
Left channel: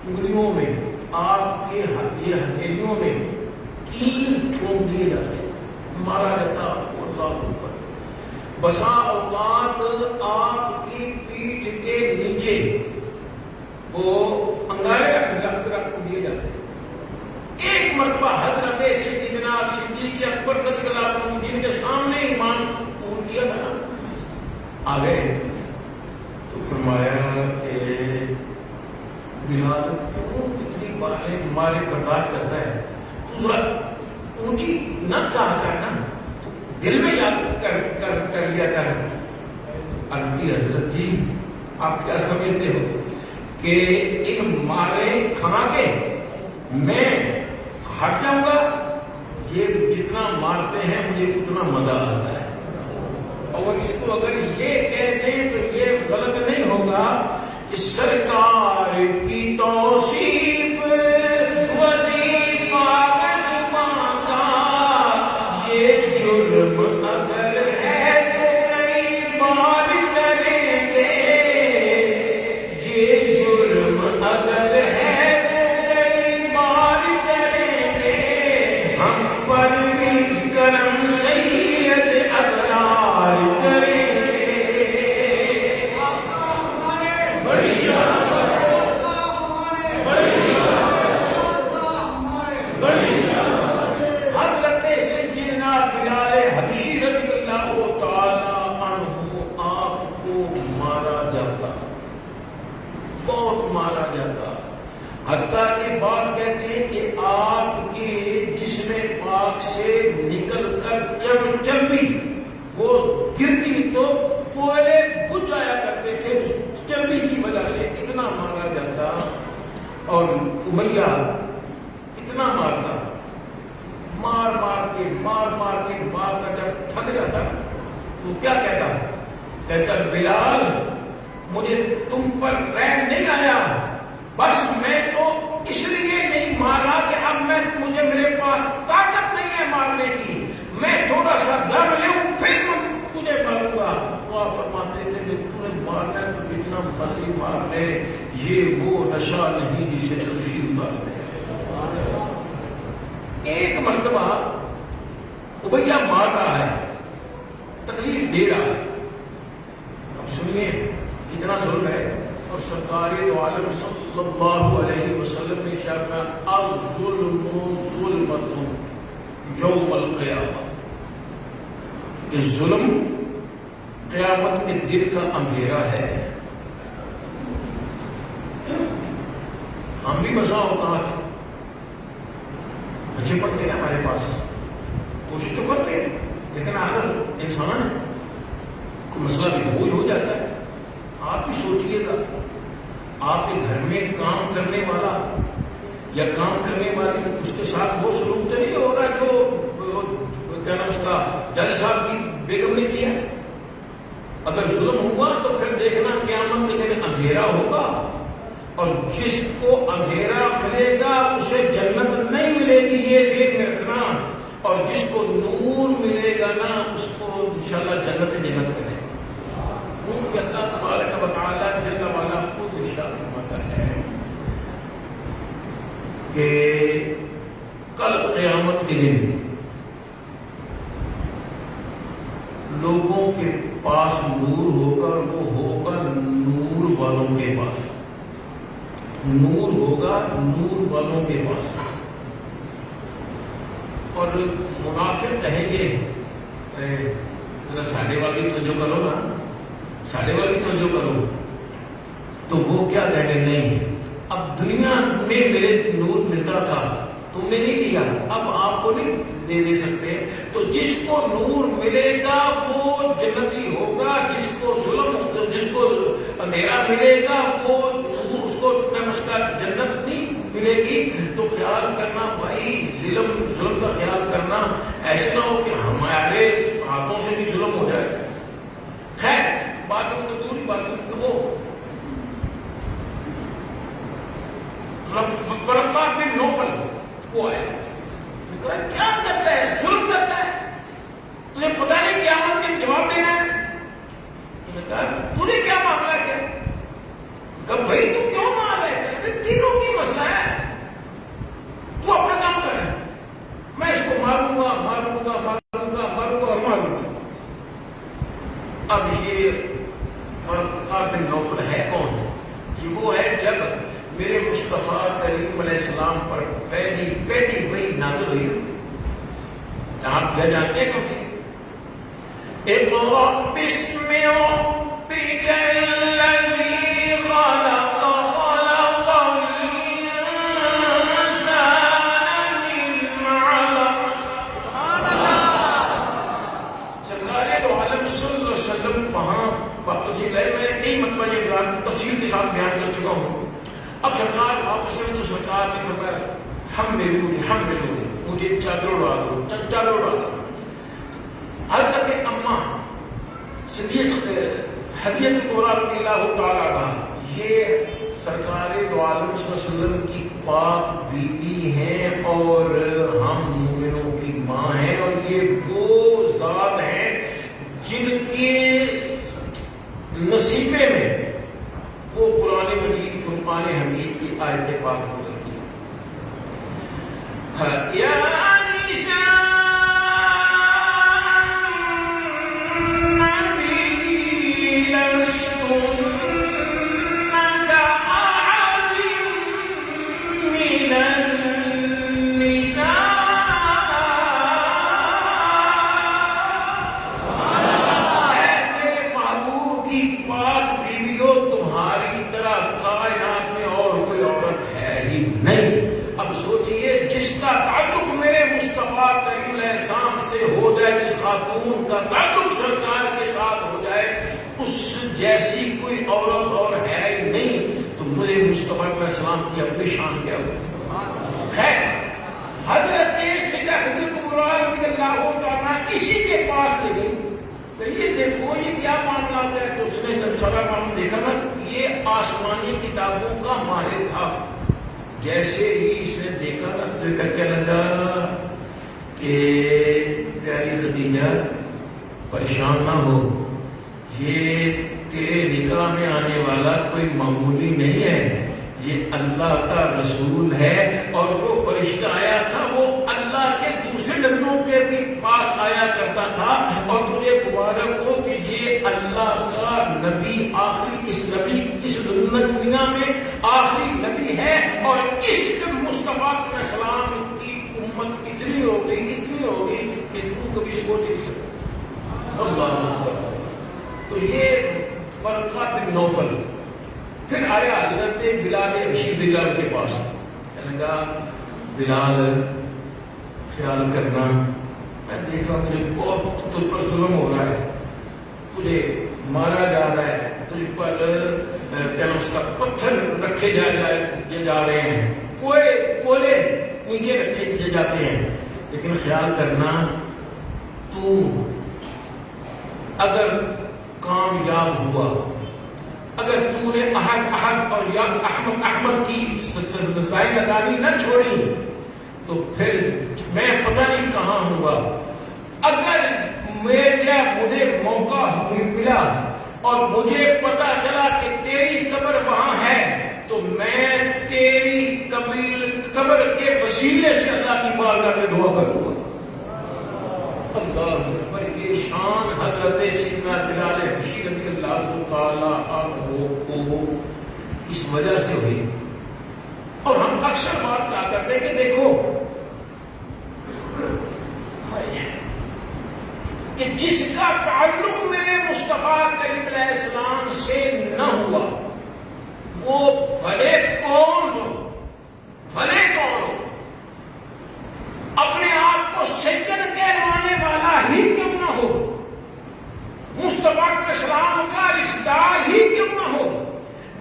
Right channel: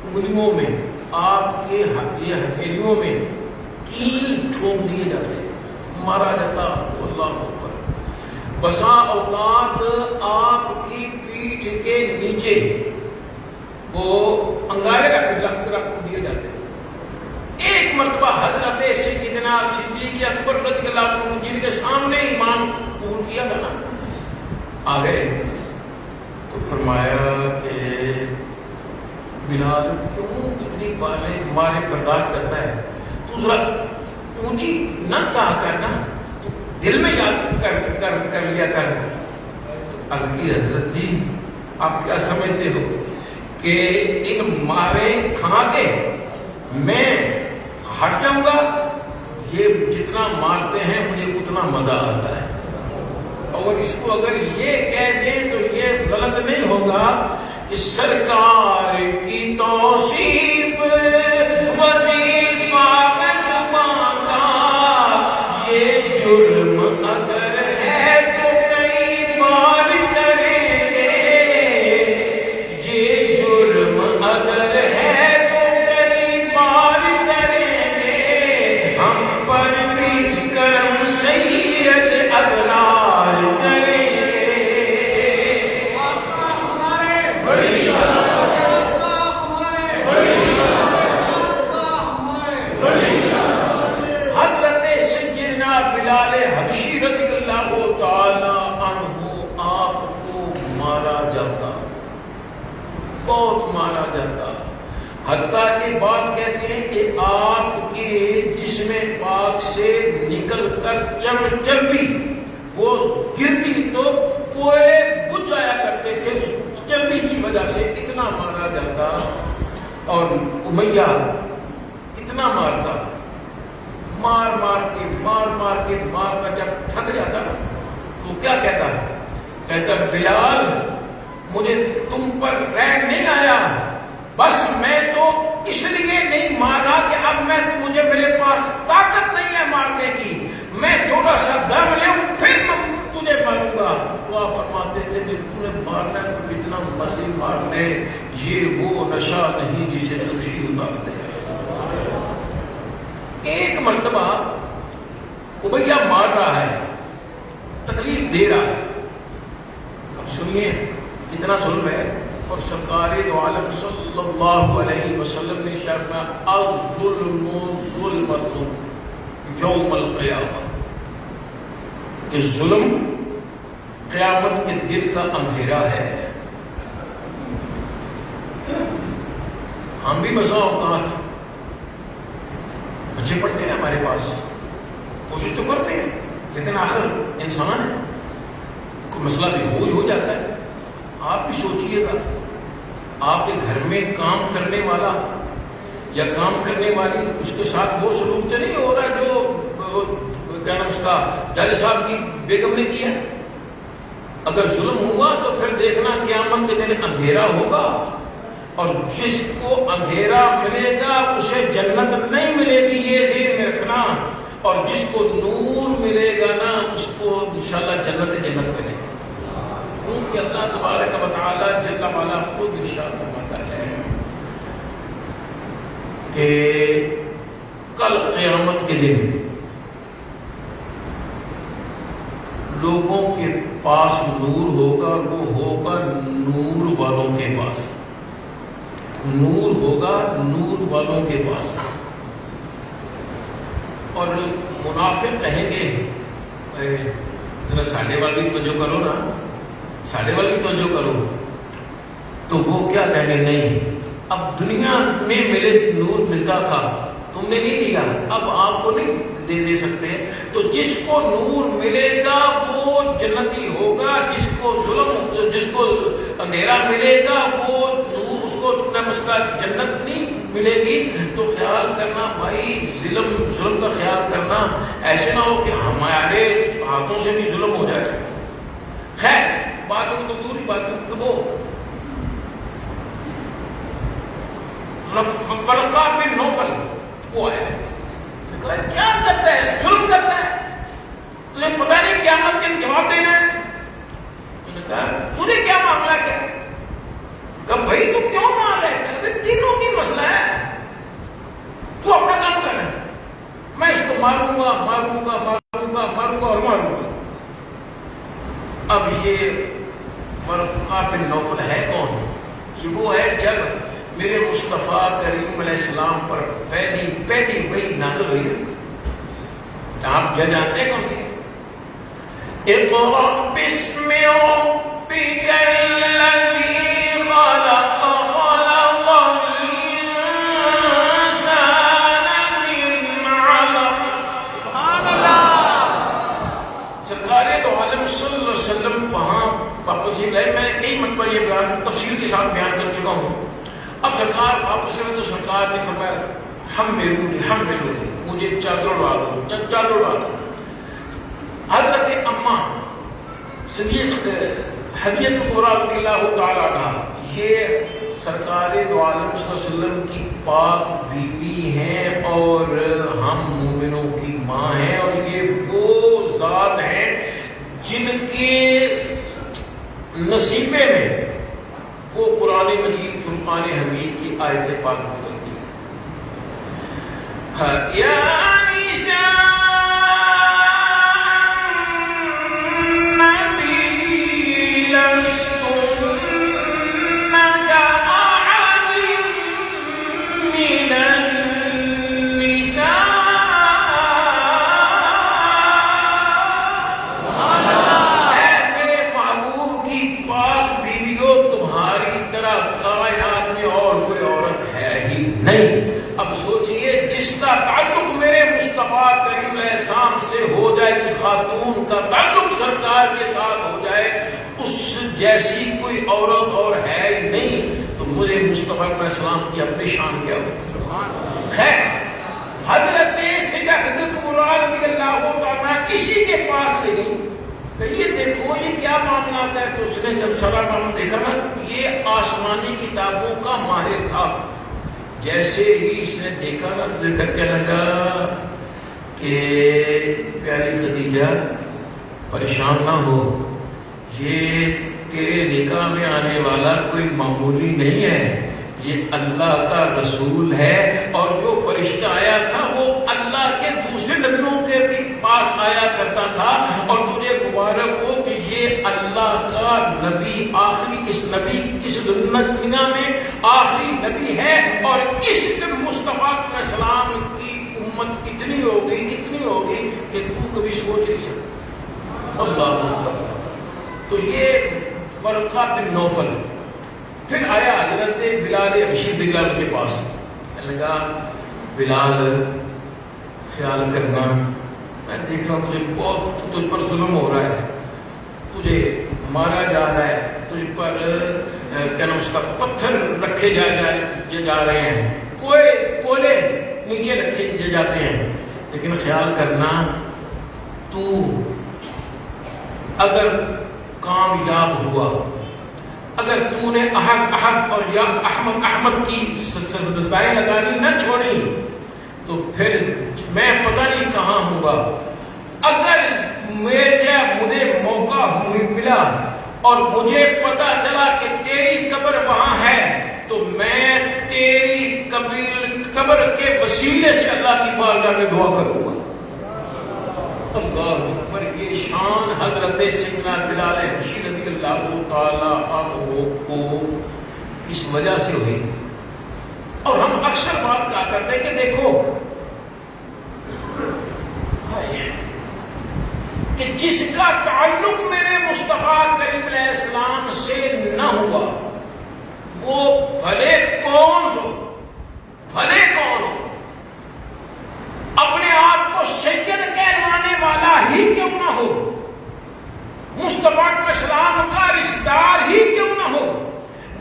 انگلیوں میں، آپ کے یہ ہتھیلیوں میں کیل ٹھونک دیے جاتے ہیں، مارا جاتا آپ کو. اللہ اکبر. بسا اوقات آپ کی پیٹھ کے نیچے وہ انگارے رکھ دیے جاتے ہیں. ایک مرتبہ حضرت سیدنا صدیق اکبر رضی اللہ عنہ جن کے سامنے ایمان قبول کیا تھا نا، آ گئے تو فرمایا کہ بلال کیوں اتنی مارے برداشت کرتا ہے، تو ذرا اونچی نہ کہا کرنا، تو دل میں یاد کر لیا کر. عرض کی حضرت جی آپ کیا سمجھتے ہو کہ ان مارے کھا کے میں ہٹ جاؤں گا؟ یہ جتنا مارتے ہیں مجھے اتنا مزہ آتا ہے. اور اس کو اگر یہ کہہ دیں تو یہ غلط نہیں ہوگا کہ سرکار کی توصیف وظیفہ زبان کا یہ جرم اگر ہے تو کئی بار کریں گے، یہ جرم اگر جب چربی وہ گرتی تو کوئلے بجھ جایا کرتے تھے، اس چربی کی وجہ سے اتنا مارا جاتا، اور امیہ کتنا مارتا، مار مار کے جب تھک جاتا تو کیا کہتا بلال مجھے تم پر رحم نہیں آیا، بس میں تو اس لیے نہیں مارا کہ اب مجھے میرے پاس طاقت نہیں ہے مارنے کی، میں تھوڑا سا دم لوں پھر میں تجھے ماروں گا۔ وہ آپ فرماتے تھے کہ تم نے مارنا تو جتنا مرضی مار لے، یہ وہ نشہ نہیں جسے خوشی اتار دے۔ ایک مرتبہ امیہ مار رہا ہے، تکلیف دے رہا ہے، اب سنیے کتنا ظلم ہے۔ اور سرکار دو عالم صلی اللہ علیہ وسلم نے ارشاد الظلم ظلمۃ یوم القیامہ، کہ ظلم قیامت کے دن کا اندھیرا ہے۔ ہم بھی بسا اوقات بچے پڑھتے ہیں ہمارے پاس، کوشش تو کرتے ہیں، لیکن آخر انسان ہے، کوئی مسئلہ بھی ہو جاتا ہے۔ آپ بھی سوچئے گا، آپ کے گھر میں کام کرنے والا یا کام کرنے والی، اس کے ساتھ وہ سلوک تو نہیں ہو رہا جو کیا نام اس کا جج صاحب کی بیگم نے کیا۔ اگر ظلم ہوا تو پھر دیکھنا قیامت کے دن اندھیرا ہوگا، اور جس کو اندھیرا ملے گا اسے جنت نہیں ملے گی، یہ ذہن میں رکھنا، اور جس کو نور ملے گا نا اس کو انشاءاللہ جنت ملے گی۔ کیونکہ اللہ تبارک و تعالی جل وعلا خود ارشاد فرماتا ہے کہ کل قیامت کے دن لوگوں کے پاس نور ہوگا، اور وہ ہوگا نور والوں کے پاس، نور ہوگا نور والوں کے پاس۔ اور منافق کہیں گے ذرا ساڈے والی توجہ کرو نا، ساڈے والی توجہ کرو، تو وہ کیا کہیں گے نہیں، اب دنیا میں میرے نور ملتا تھا تم نے نہیں لیا، اب آپ کو نہیں دے سکتے، تو جس کو نور ملے گا وہ جنتی ہوگا، جس کو اندھیرا ملے گا وہ نور، اس کو اس کا جنت نہیں ملے گی۔ تو خیال کرنا بھائی، ظلم کا خیال کرنا، ایسے نہ ہو کہ ہمارے ہاتھوں سے بھی ظلم ہو جائے۔ خیر باتوں تو دوری باتوں تو وہ ورقہ بن نوفل وہ آیا، کیا کرتا ہے، ظلم کرتا ہے، تجھے پتہ نہیں قیامت کے جواب دینا ہے؟ انہوں نے کہا تجھے کیا معاملہ کیا؟ کہا بھائی تو کیوں مار رہا ہے؟ کہ تینوں کی مسئلہ ہے، تو اپنا کام کر رہا ہے، میں اس کو ماروں گا اور ماروں گا۔ اب یہ ورقہ بن نوفل ہے کون؟ یہ وہ ہے جب میرے مصطفیٰ کریم علیہ السلام پر پہلی وحی نازل ہوئی نا، آپ کیا جانتے ہیں کون سی؟ اقرأ بسم ربک الذی خلق خلق الانسان من علق۔ سرکار دو عالم صلی اللہ علیہ وسلم وہاں واپس ہی لائے، میں نے کئی مرتبہ یہ بیان تفصیل کے ساتھ بیان کر چکا ہوں۔ اب سرکار واپس ہوئے تو سرکار نے فرمایا ہم ملو مجھے چادر اڑا دو، چادر اڑا دو۔ حضرت اماں حدیث قرآن رضی اللہ تعالیٰ عنہ، یہ سرکار دو عالم صلی اللہ علیہ وسلم کی پاک بیوی ہیں اور ہم مومنوں کی ماں ہیں، اور یہ وہ ذات ہیں جن کے نصیبے میں وہ قرآن مجید فرقان حمید کی آیت پاک اترتی ہے۔ یا نساء النبی لستن کأحد من النساء۔ اے میرے محبوب کی پاک بیویوں، تمہاری طرح کائنات میں اور کوئی عورت ہے ہی نہیں۔ اب سوچئے جس کا تعلق میرے مصطفیٰ کریم علیہ السلام سے ہو جائے، جس خاتون کا تعلق سرکار کے ساتھ ہو جائے، اس جیسی کوئی عورت اور ہے ہی نہیں، تو مجھے مصطفیٰ علیہ السلام کی اپنی شان کیا ہو. خیر، حضرت سیدہ خدیجہ کبریٰ رضی اللہ تعالیٰ اسی کے پاس لے گئی کہ یہ دیکھو یہ کیا معاملات ہے. تو اس نے جب سارا معاملہ دیکھا نا، یہ آسمانی کتابوں کا ماہر تھا. جیسے ہی اس نے دیکھا نا تو دیکھا کہنے لگا کہ پیاری خدیجہ پریشان نہ ہو، یہ تیرے نکاح میں آنے والا کوئی معمولی نہیں ہے، یہ اللہ کا رسول ہے، اور جو فرشتہ آیا تھا وہ اللہ کے دوسرے نبیوں کے بھی پاس آیا کرتا تھا، اور تجھے مبارک ہو کہ یہ اللہ کا نبی آخری، اس دنیا میں آخری نبی ہے، اور اس مصطفیٰ علیہ السلام کی امت اتنی ہوگی کہ تو کبھی سوچ نہیں سکتا. اللہ اکبر. تو یہ ورقہ بن نوفل پھر آیا حضرت بلال حبشی بلال کے پاس، کہنے لگا بلال خیال کرنا، میں دیکھ رہا ہوں تجھے بہت تجھ پر ظلم ہو رہا ہے، تجھے مارا جا رہا ہے، تجھ پر کہنا اس کا پتھر رکھے جا رہے ہیں، کولے نیچے رکھے جاتے ہیں، لیکن خیال کرنا تو اگر کامیاب ہوا، اگر تو نے احد اور یا احمد کی سزائیں لگانی نہ چھوڑی تو پھر میں پتہ نہیں کہاں ہوں گا. اگر مجھے موقع ملا اور مجھے پتا چلا کہ تیری قبر وہاں ہے تو میں تیری قبر کے وسیلے سے اللہ کی بارگاہ میں دعا کروں گا. اللہ اکبر. کی شان حضرت سیدنا بلال حبشی رضی اللہ تعالی عنہ کو اس وجہ سے ہوئی. اور ہم اکثر بات کہا کرتے ہیں کہ دیکھو کہ جس کا تعلق میرے مصطفیٰ کریم علیہ السلام سے نہ ہوا وہ بھلے کون ہو، اپنے آپ کو سید کہلوانے والا ہی کیوں نہ ہو، مصطفیٰ علیہ السلام کا رشتہ دار ہی کیوں نہ ہو،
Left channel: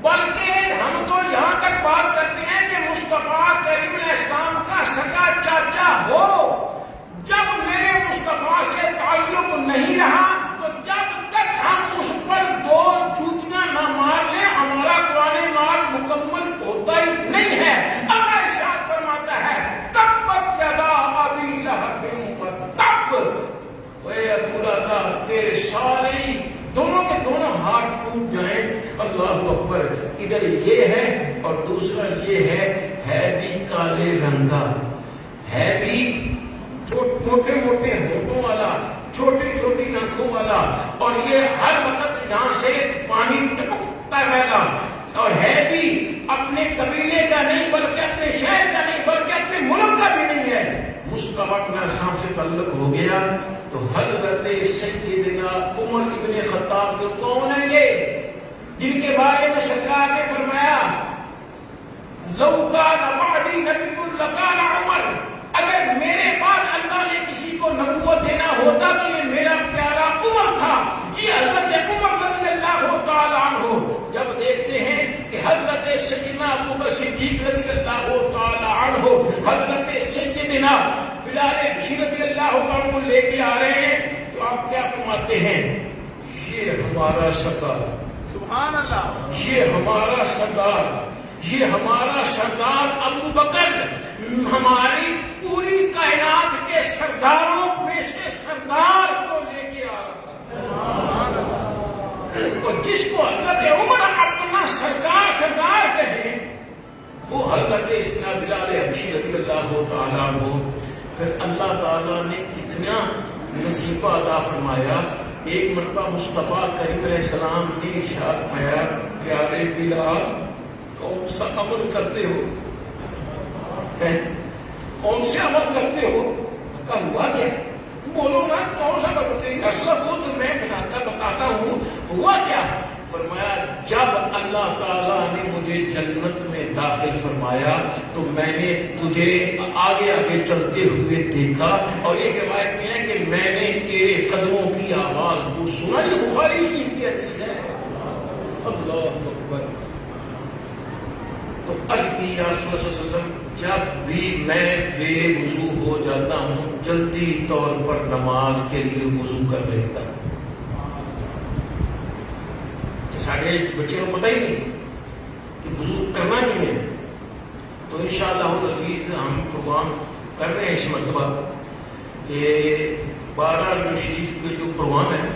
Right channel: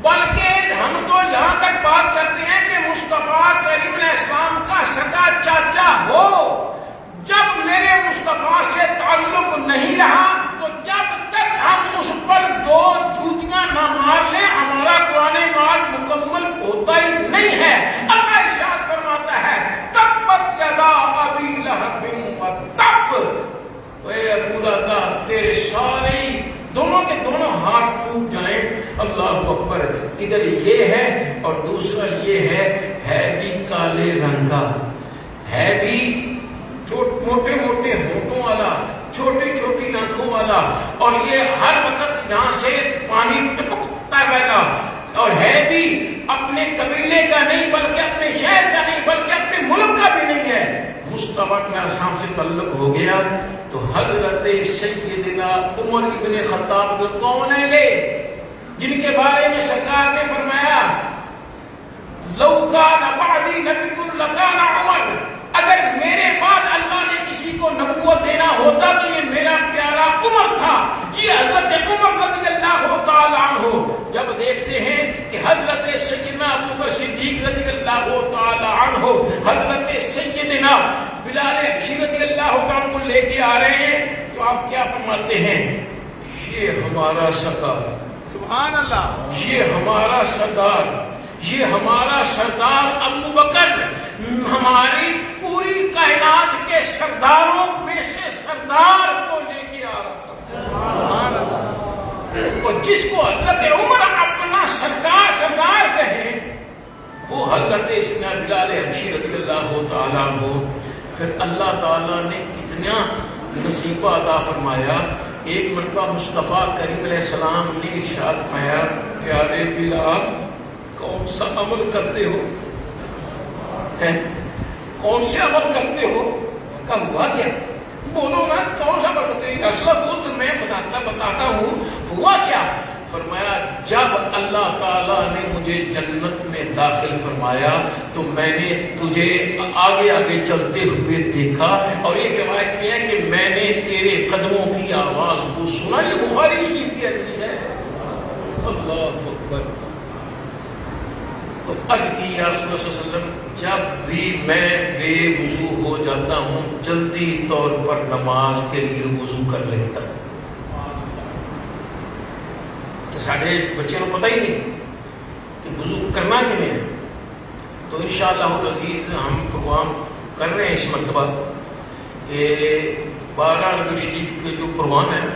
بلکہ ہم تو یہاں تک بات کرتے ہیں کہ مصطفیٰ کریم علیہ السلام کا سگا چاچا ہو. جب میرے مصطفیٰ سے تعلق نہیں رہا تو جب تک ہم اس پر دو جوتیاں نہ مار لیں ہمارا قرآن مال مکمل ہوتا ہی نہیں ہے. اللہ ارشاد فرماتا ہے تبت یدا ابی لہب وتب، اے ابو لہب تیرے سارے دونوں کے دونوں ہاتھ ٹوٹ جائیں. اللہ اکبر. ادھر یہ ہے اور دوسرا یہ ہے بھی کالے رنگ کا، ہے بھی موٹے موٹے ہونٹوں والا، چھوٹی چھوٹی ناکوں والا، اور یہ ہر وقت یہاں سے پانی ٹپکتا رہتا، اور ہے بھی اپنے قبیلے کا نہیں بلکہ اپنے شہر کا نہیں بلکہ اپنے ملک کا بھی نہیں ہے. مصطفیٰ کے ساتھ سے تعلق ہو گیا تو حضرت سیدنا عمر ابن خطاب کو کون ہے یہ جن کے بارے میں سرکار نے فرمایا لو کان بعدی نبی لکان عمر، اگر میرے بعد اللہ نے کسی کو نبوت دینا ہوتا تو یہ میرا پیارا عمر تھا. یہ حضرت عمر رضی اللہ تعالی عنہ جب دیکھتے ہیں کہ حضرت سیدنا ابوبکر صدیق رضی اللہ تعالی عنہ حضرت سیدنا بلال حبشی رضی اللہ تعالی عنہ لے کے آ رہے ہیں تو آپ کیا فرماتے ہیں؟ یہ ہمارا سردار، سبحان اللہ، یہ ہمارا سردار، یہ ہمارا سردار ابو بکر ہماری پوری کائنات کے سرداروں میں سے سردار کو لے کے آ رہا تھا. اور جس کو حضرت عمر اپنا سردار کہے وہ حضرت سیدنا بلال حبشی رضی اللہ تعالیٰ عنہ. پھر اللہ تعالیٰ نے کتنا نصیبہ عطا فرمایا. ایک مرتبہ مصطفیٰ کریم علیہ السلام نے ارشاد فرمایا پیارے بلال کون سا عمل کرتے ہو؟ کون سے عمل کرتے ہو؟ کہا ہوا کیا؟ بولو نا کون سا عمل کرتے ہو؟ اصل وہ تو میں بتاتا ہوں ہوا کیا. فرمایا جب اللہ تعالیٰ نے مجھے جنت میں داخل فرمایا تو میں نے تجھے آگے آگے چلتے ہوئے دیکھا، اور یہ روایت میں ہے کہ میں نے تیرے قدموں کی آواز کو سنا۔ یہ بخاری شریف کی حدیث ہے۔ اللہ اکبر۔ تو عرض کی یا رسول اللہ صلی اللہ علیہ وسلم، جب بھی میں بے وضو ہو جاتا ہوں جلدی طور پر نماز کے لیے وضو کر لیتا ہوں۔ تو سارے بچے کو پتہ ہی نہیں کہ وضو کرنا کیوں ہے۔ تو انشاءاللہ العزیز ہم پروگرام کر رہے ہیں اس مرتبہ کہ 12 ربیع شریف کے جو پروگرام ہے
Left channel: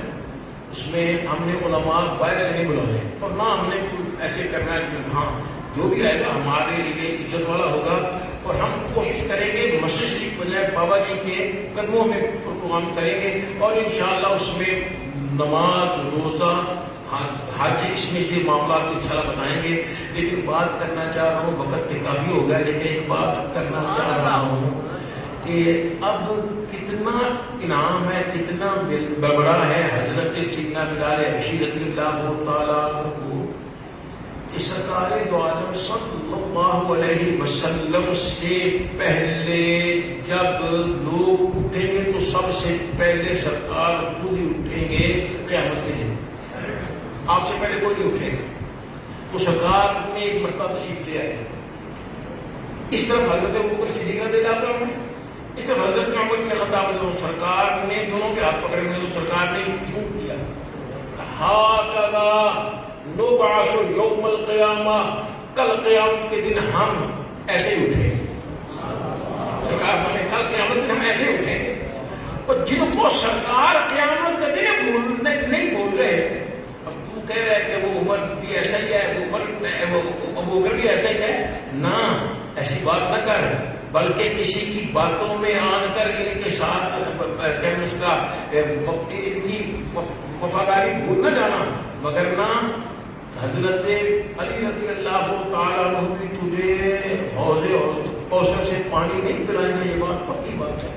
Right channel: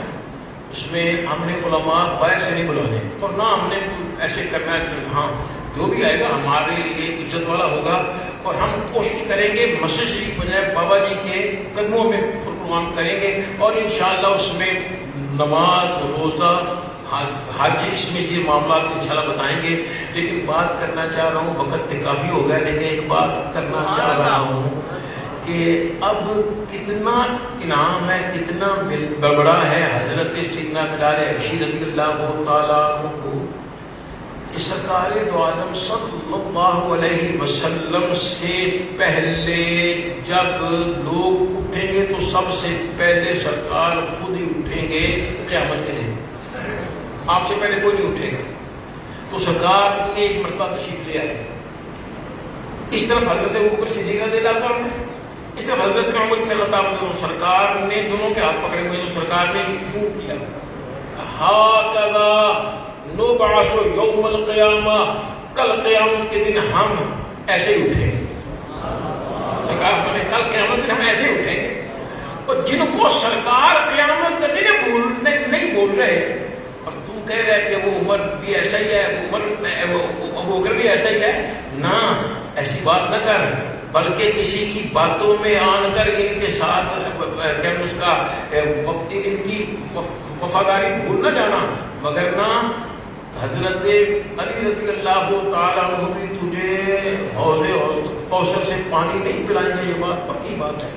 اس میں ہم نے علماء باہر سے نہیں بلانے، تو نہ ہم نے ایسے کرنا ہے کہ ہاں جو بھی آئے گا ہمارے لیے عزت والا ہوگا، اور ہم کوشش کریں گے مسجد شریف بجائے بابا جی کے قدموں میں پروگرام کریں گے، اور انشاءاللہ اس میں نماز، روزہ، حج، اس میں یہ معاملات انشاءاللہ بتائیں گے۔ لیکن بات کرنا چاہ رہا ہوں، وقت کافی ہو گیا، لیکن ایک بات کرنا چاہ رہا ہوں کہ اب کتنا انعام ہے، کتنا بڑا ہے حضرت سیدنا بلال حبشی رضی اللہ تعالیٰ عنہ کو کہ سرکار دو عالم صلی اللہ علیہ وسلم سے پہلے جب لوگ اٹھیں گے تو سب سے پہلے سرکار خود ہی اٹھیں گے قیامت کے دن، آپ سے پہلے کوئی نہیں اٹھے گا۔ تو سرکار نے ایک مرتبہ تشریف لے آئے، اس طرف حضرت ابوبکر صدیق رضی اللہ عنہ، اس طرف حضرت عمر بن خطاب، سرکار نے دونوں کے ہاتھ پکڑے ہوئے، تو سرکار نے کیوں کیا؟ ہاکذا نبعث یوم القیامہ، کل قیامت کے دن ہم ایسے ہی اٹھیں گے۔ سرکار نے کل قیامت کے دن ہم ایسے اٹھیں گے۔ اور جن کو سرکار قیامت کا دن نہیں بول رہے، اور تم کہہ رہے کہ وہ عمر بھی ایسا ہی ہے، وہ ابو بکر بھی ایسا ہی ہے، نہ ایسی بات نہ کر، بلکہ کسی کی باتوں میں آن کر ان کے ساتھ کیا اس کا ان کی وفاداری بھول نہ جانا، مگر نہ حضرت علی رضی اللہ تعالیٰ عنہ بھی تجھے حوض کوثر سے پانی نہیں پلائیں گے، یہ بات پکی بات ہے۔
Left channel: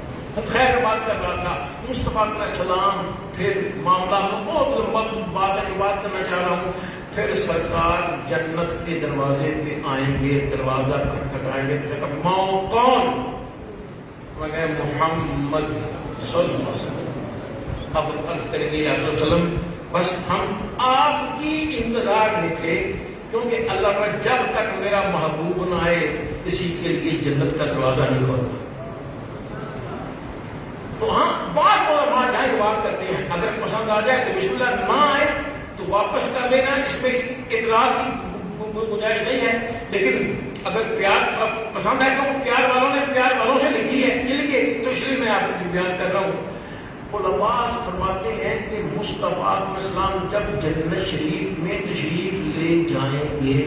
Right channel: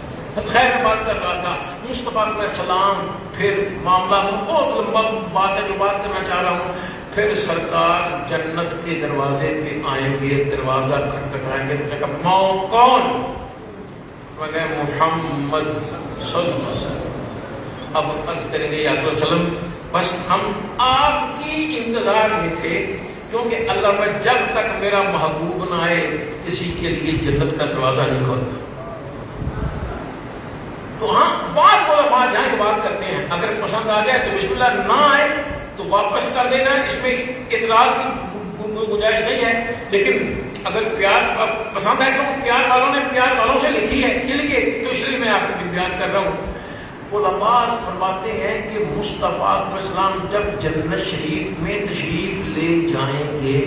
خیر بات کر رہا تھا مصطفیٰ علیہ السلام، پھر معاملات بہت لمبا بات ہے، بات کرنا چاہ رہا ہوں۔ پھر سرکار جنت کے دروازے پہ آئیں گے، دروازہ کھٹکھٹائیں گے، ماں کون؟ مگر محمد صلی اللہ علیہ وسلم۔ اب عرض کریں گے یا صلی اللہ علیہ وسلم بس ہم آپ کی انتظار میں تھے، کیونکہ اللہ میں جب تک میرا محبوب نہ آئے کسی کے لیے جنت کا دروازہ نہیں کھولا۔ تو ہاں بعض علماء جہاں کی بات کرتے ہیں اگر پسند آ جائے تو بسم اللہ، نہ آئے تو واپس کر دینا، اس میں اعتراض کی گنجائش نہیں ہے۔ لیکن اگر پیار پسند آئے، کیونکہ پیار والوں نے پیار والوں سے لکھی ہے کے لیے، تو اس لیے میں آپ کو بیان کر رہا ہوں۔ علماء فرماتے ہیں کہ مصطفیٰ علیہ السلام جب جنت شریف میں تشریف لے جائیں گے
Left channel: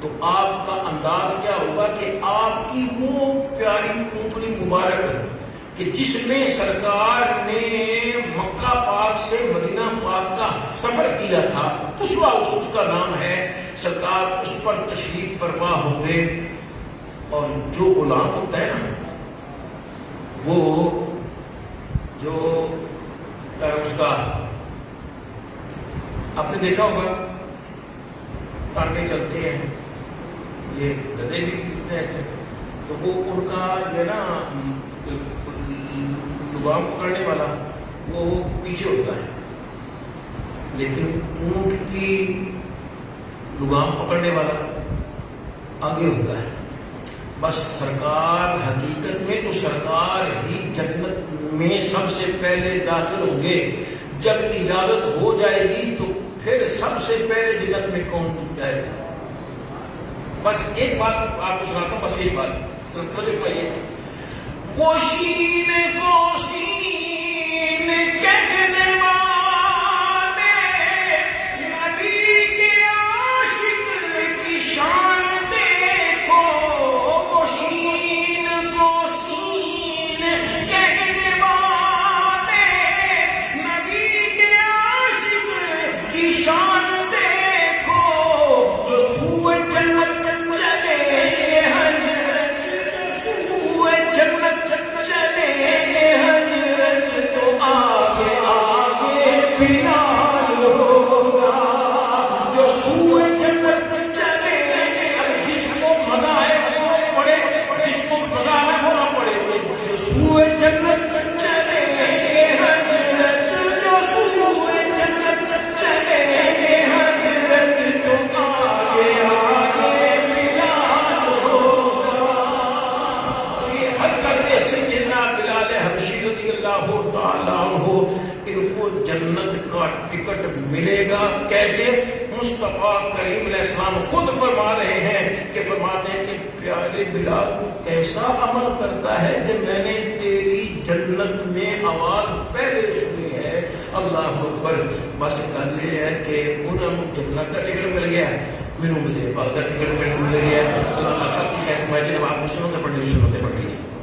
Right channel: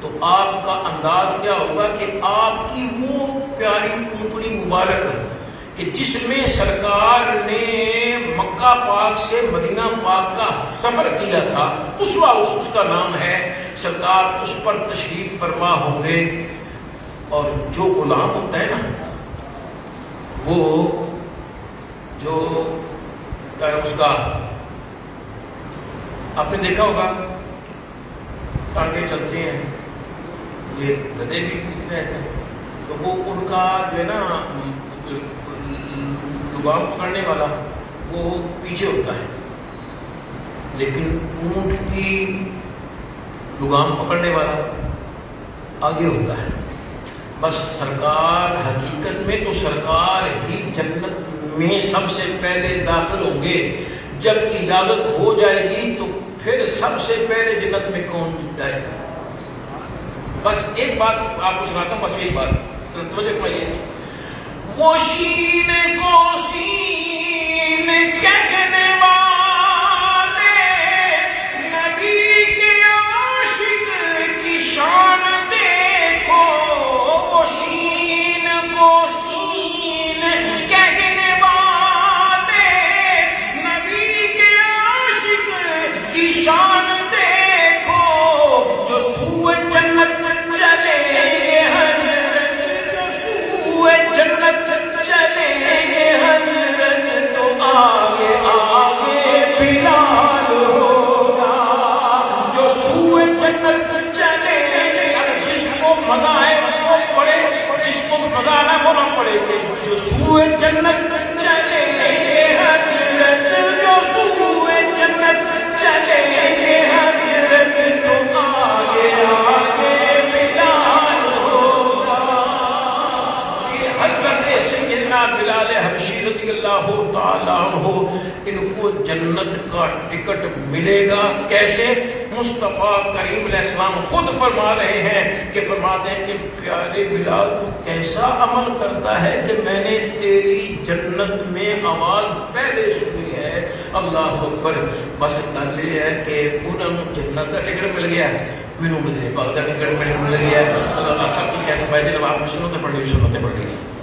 تو آپ کا انداز کیا ہوگا کہ آپ کی وہ پیاری اونٹنی مبارک کہ جس میں سرکار نے مکہ پاک سے مدینہ پاک کا سفر کیا تھا، اس کا نام ہے، سرکار اس پر تشریف فرما ہوں گے۔ اور جو غلام ہوتا ہے نا، وہ جو اس کا آپ نے دیکھا ہوگا ٹانگے چلتے ہیں، یہ گدھے بھی کتنے ہیں، تو وہ ان کا جو ہے نا لگام پکڑنے والا وہ پیچھے ہوتا ہے، لیکن اونٹ کی لگام پکڑنے والا آگے ہوتا ہے۔ بس سرکار حقیقت میں تو سرکار ہی جنت میں سب سے پہلے داخل ہوں گے۔ جب اجازت ہو جائے گی تو پھر سب سے پہلے جنت میں کون جائے گا؟ بس ایک بات آپ کو سناتا ہوں، بس ایک بات توجہ، وہ شین کو سین کہنے والے نبی کے عاشق کی شان دیکھو، وہ شین کو سین کہنے والے نبی کے عاشق کی شان دیکھو، جو سوئے جنت چلے گے، جو سوئے جنت چلے گے حضرت سوئے جنت چلیں گے حضرت، جو سوئے جنت چلیں گے حضرت، تو آگے آگے بلال ہوگا۔ تو یہ حضرت سیدنا بلال حبشی رضی اللہ تعالیٰ عنہ، ان کو جنت کا ٹکٹ ملے گا کیسے؟ مصطفیٰ کریم علیہ السلام خود فرما رہے ہیں کہ فرماتے ہیں کہ پیارے بلال تو کیسا عمل کرتا ہے کہ میں نے تیری جنت میں آواز پہلے سنی ہے۔ اللہ اکبر۔ بس گل یہ ہے کہ انہوں نے جنت کا ٹکٹ مل گیا ہے، مینوں مدینے پاک کا ٹکٹ مل گیا ہے۔ اللہ سب کی خیر فرمائے۔ جناب آپ نے سنت پڑھنی سنت پڑھ لیجیے۔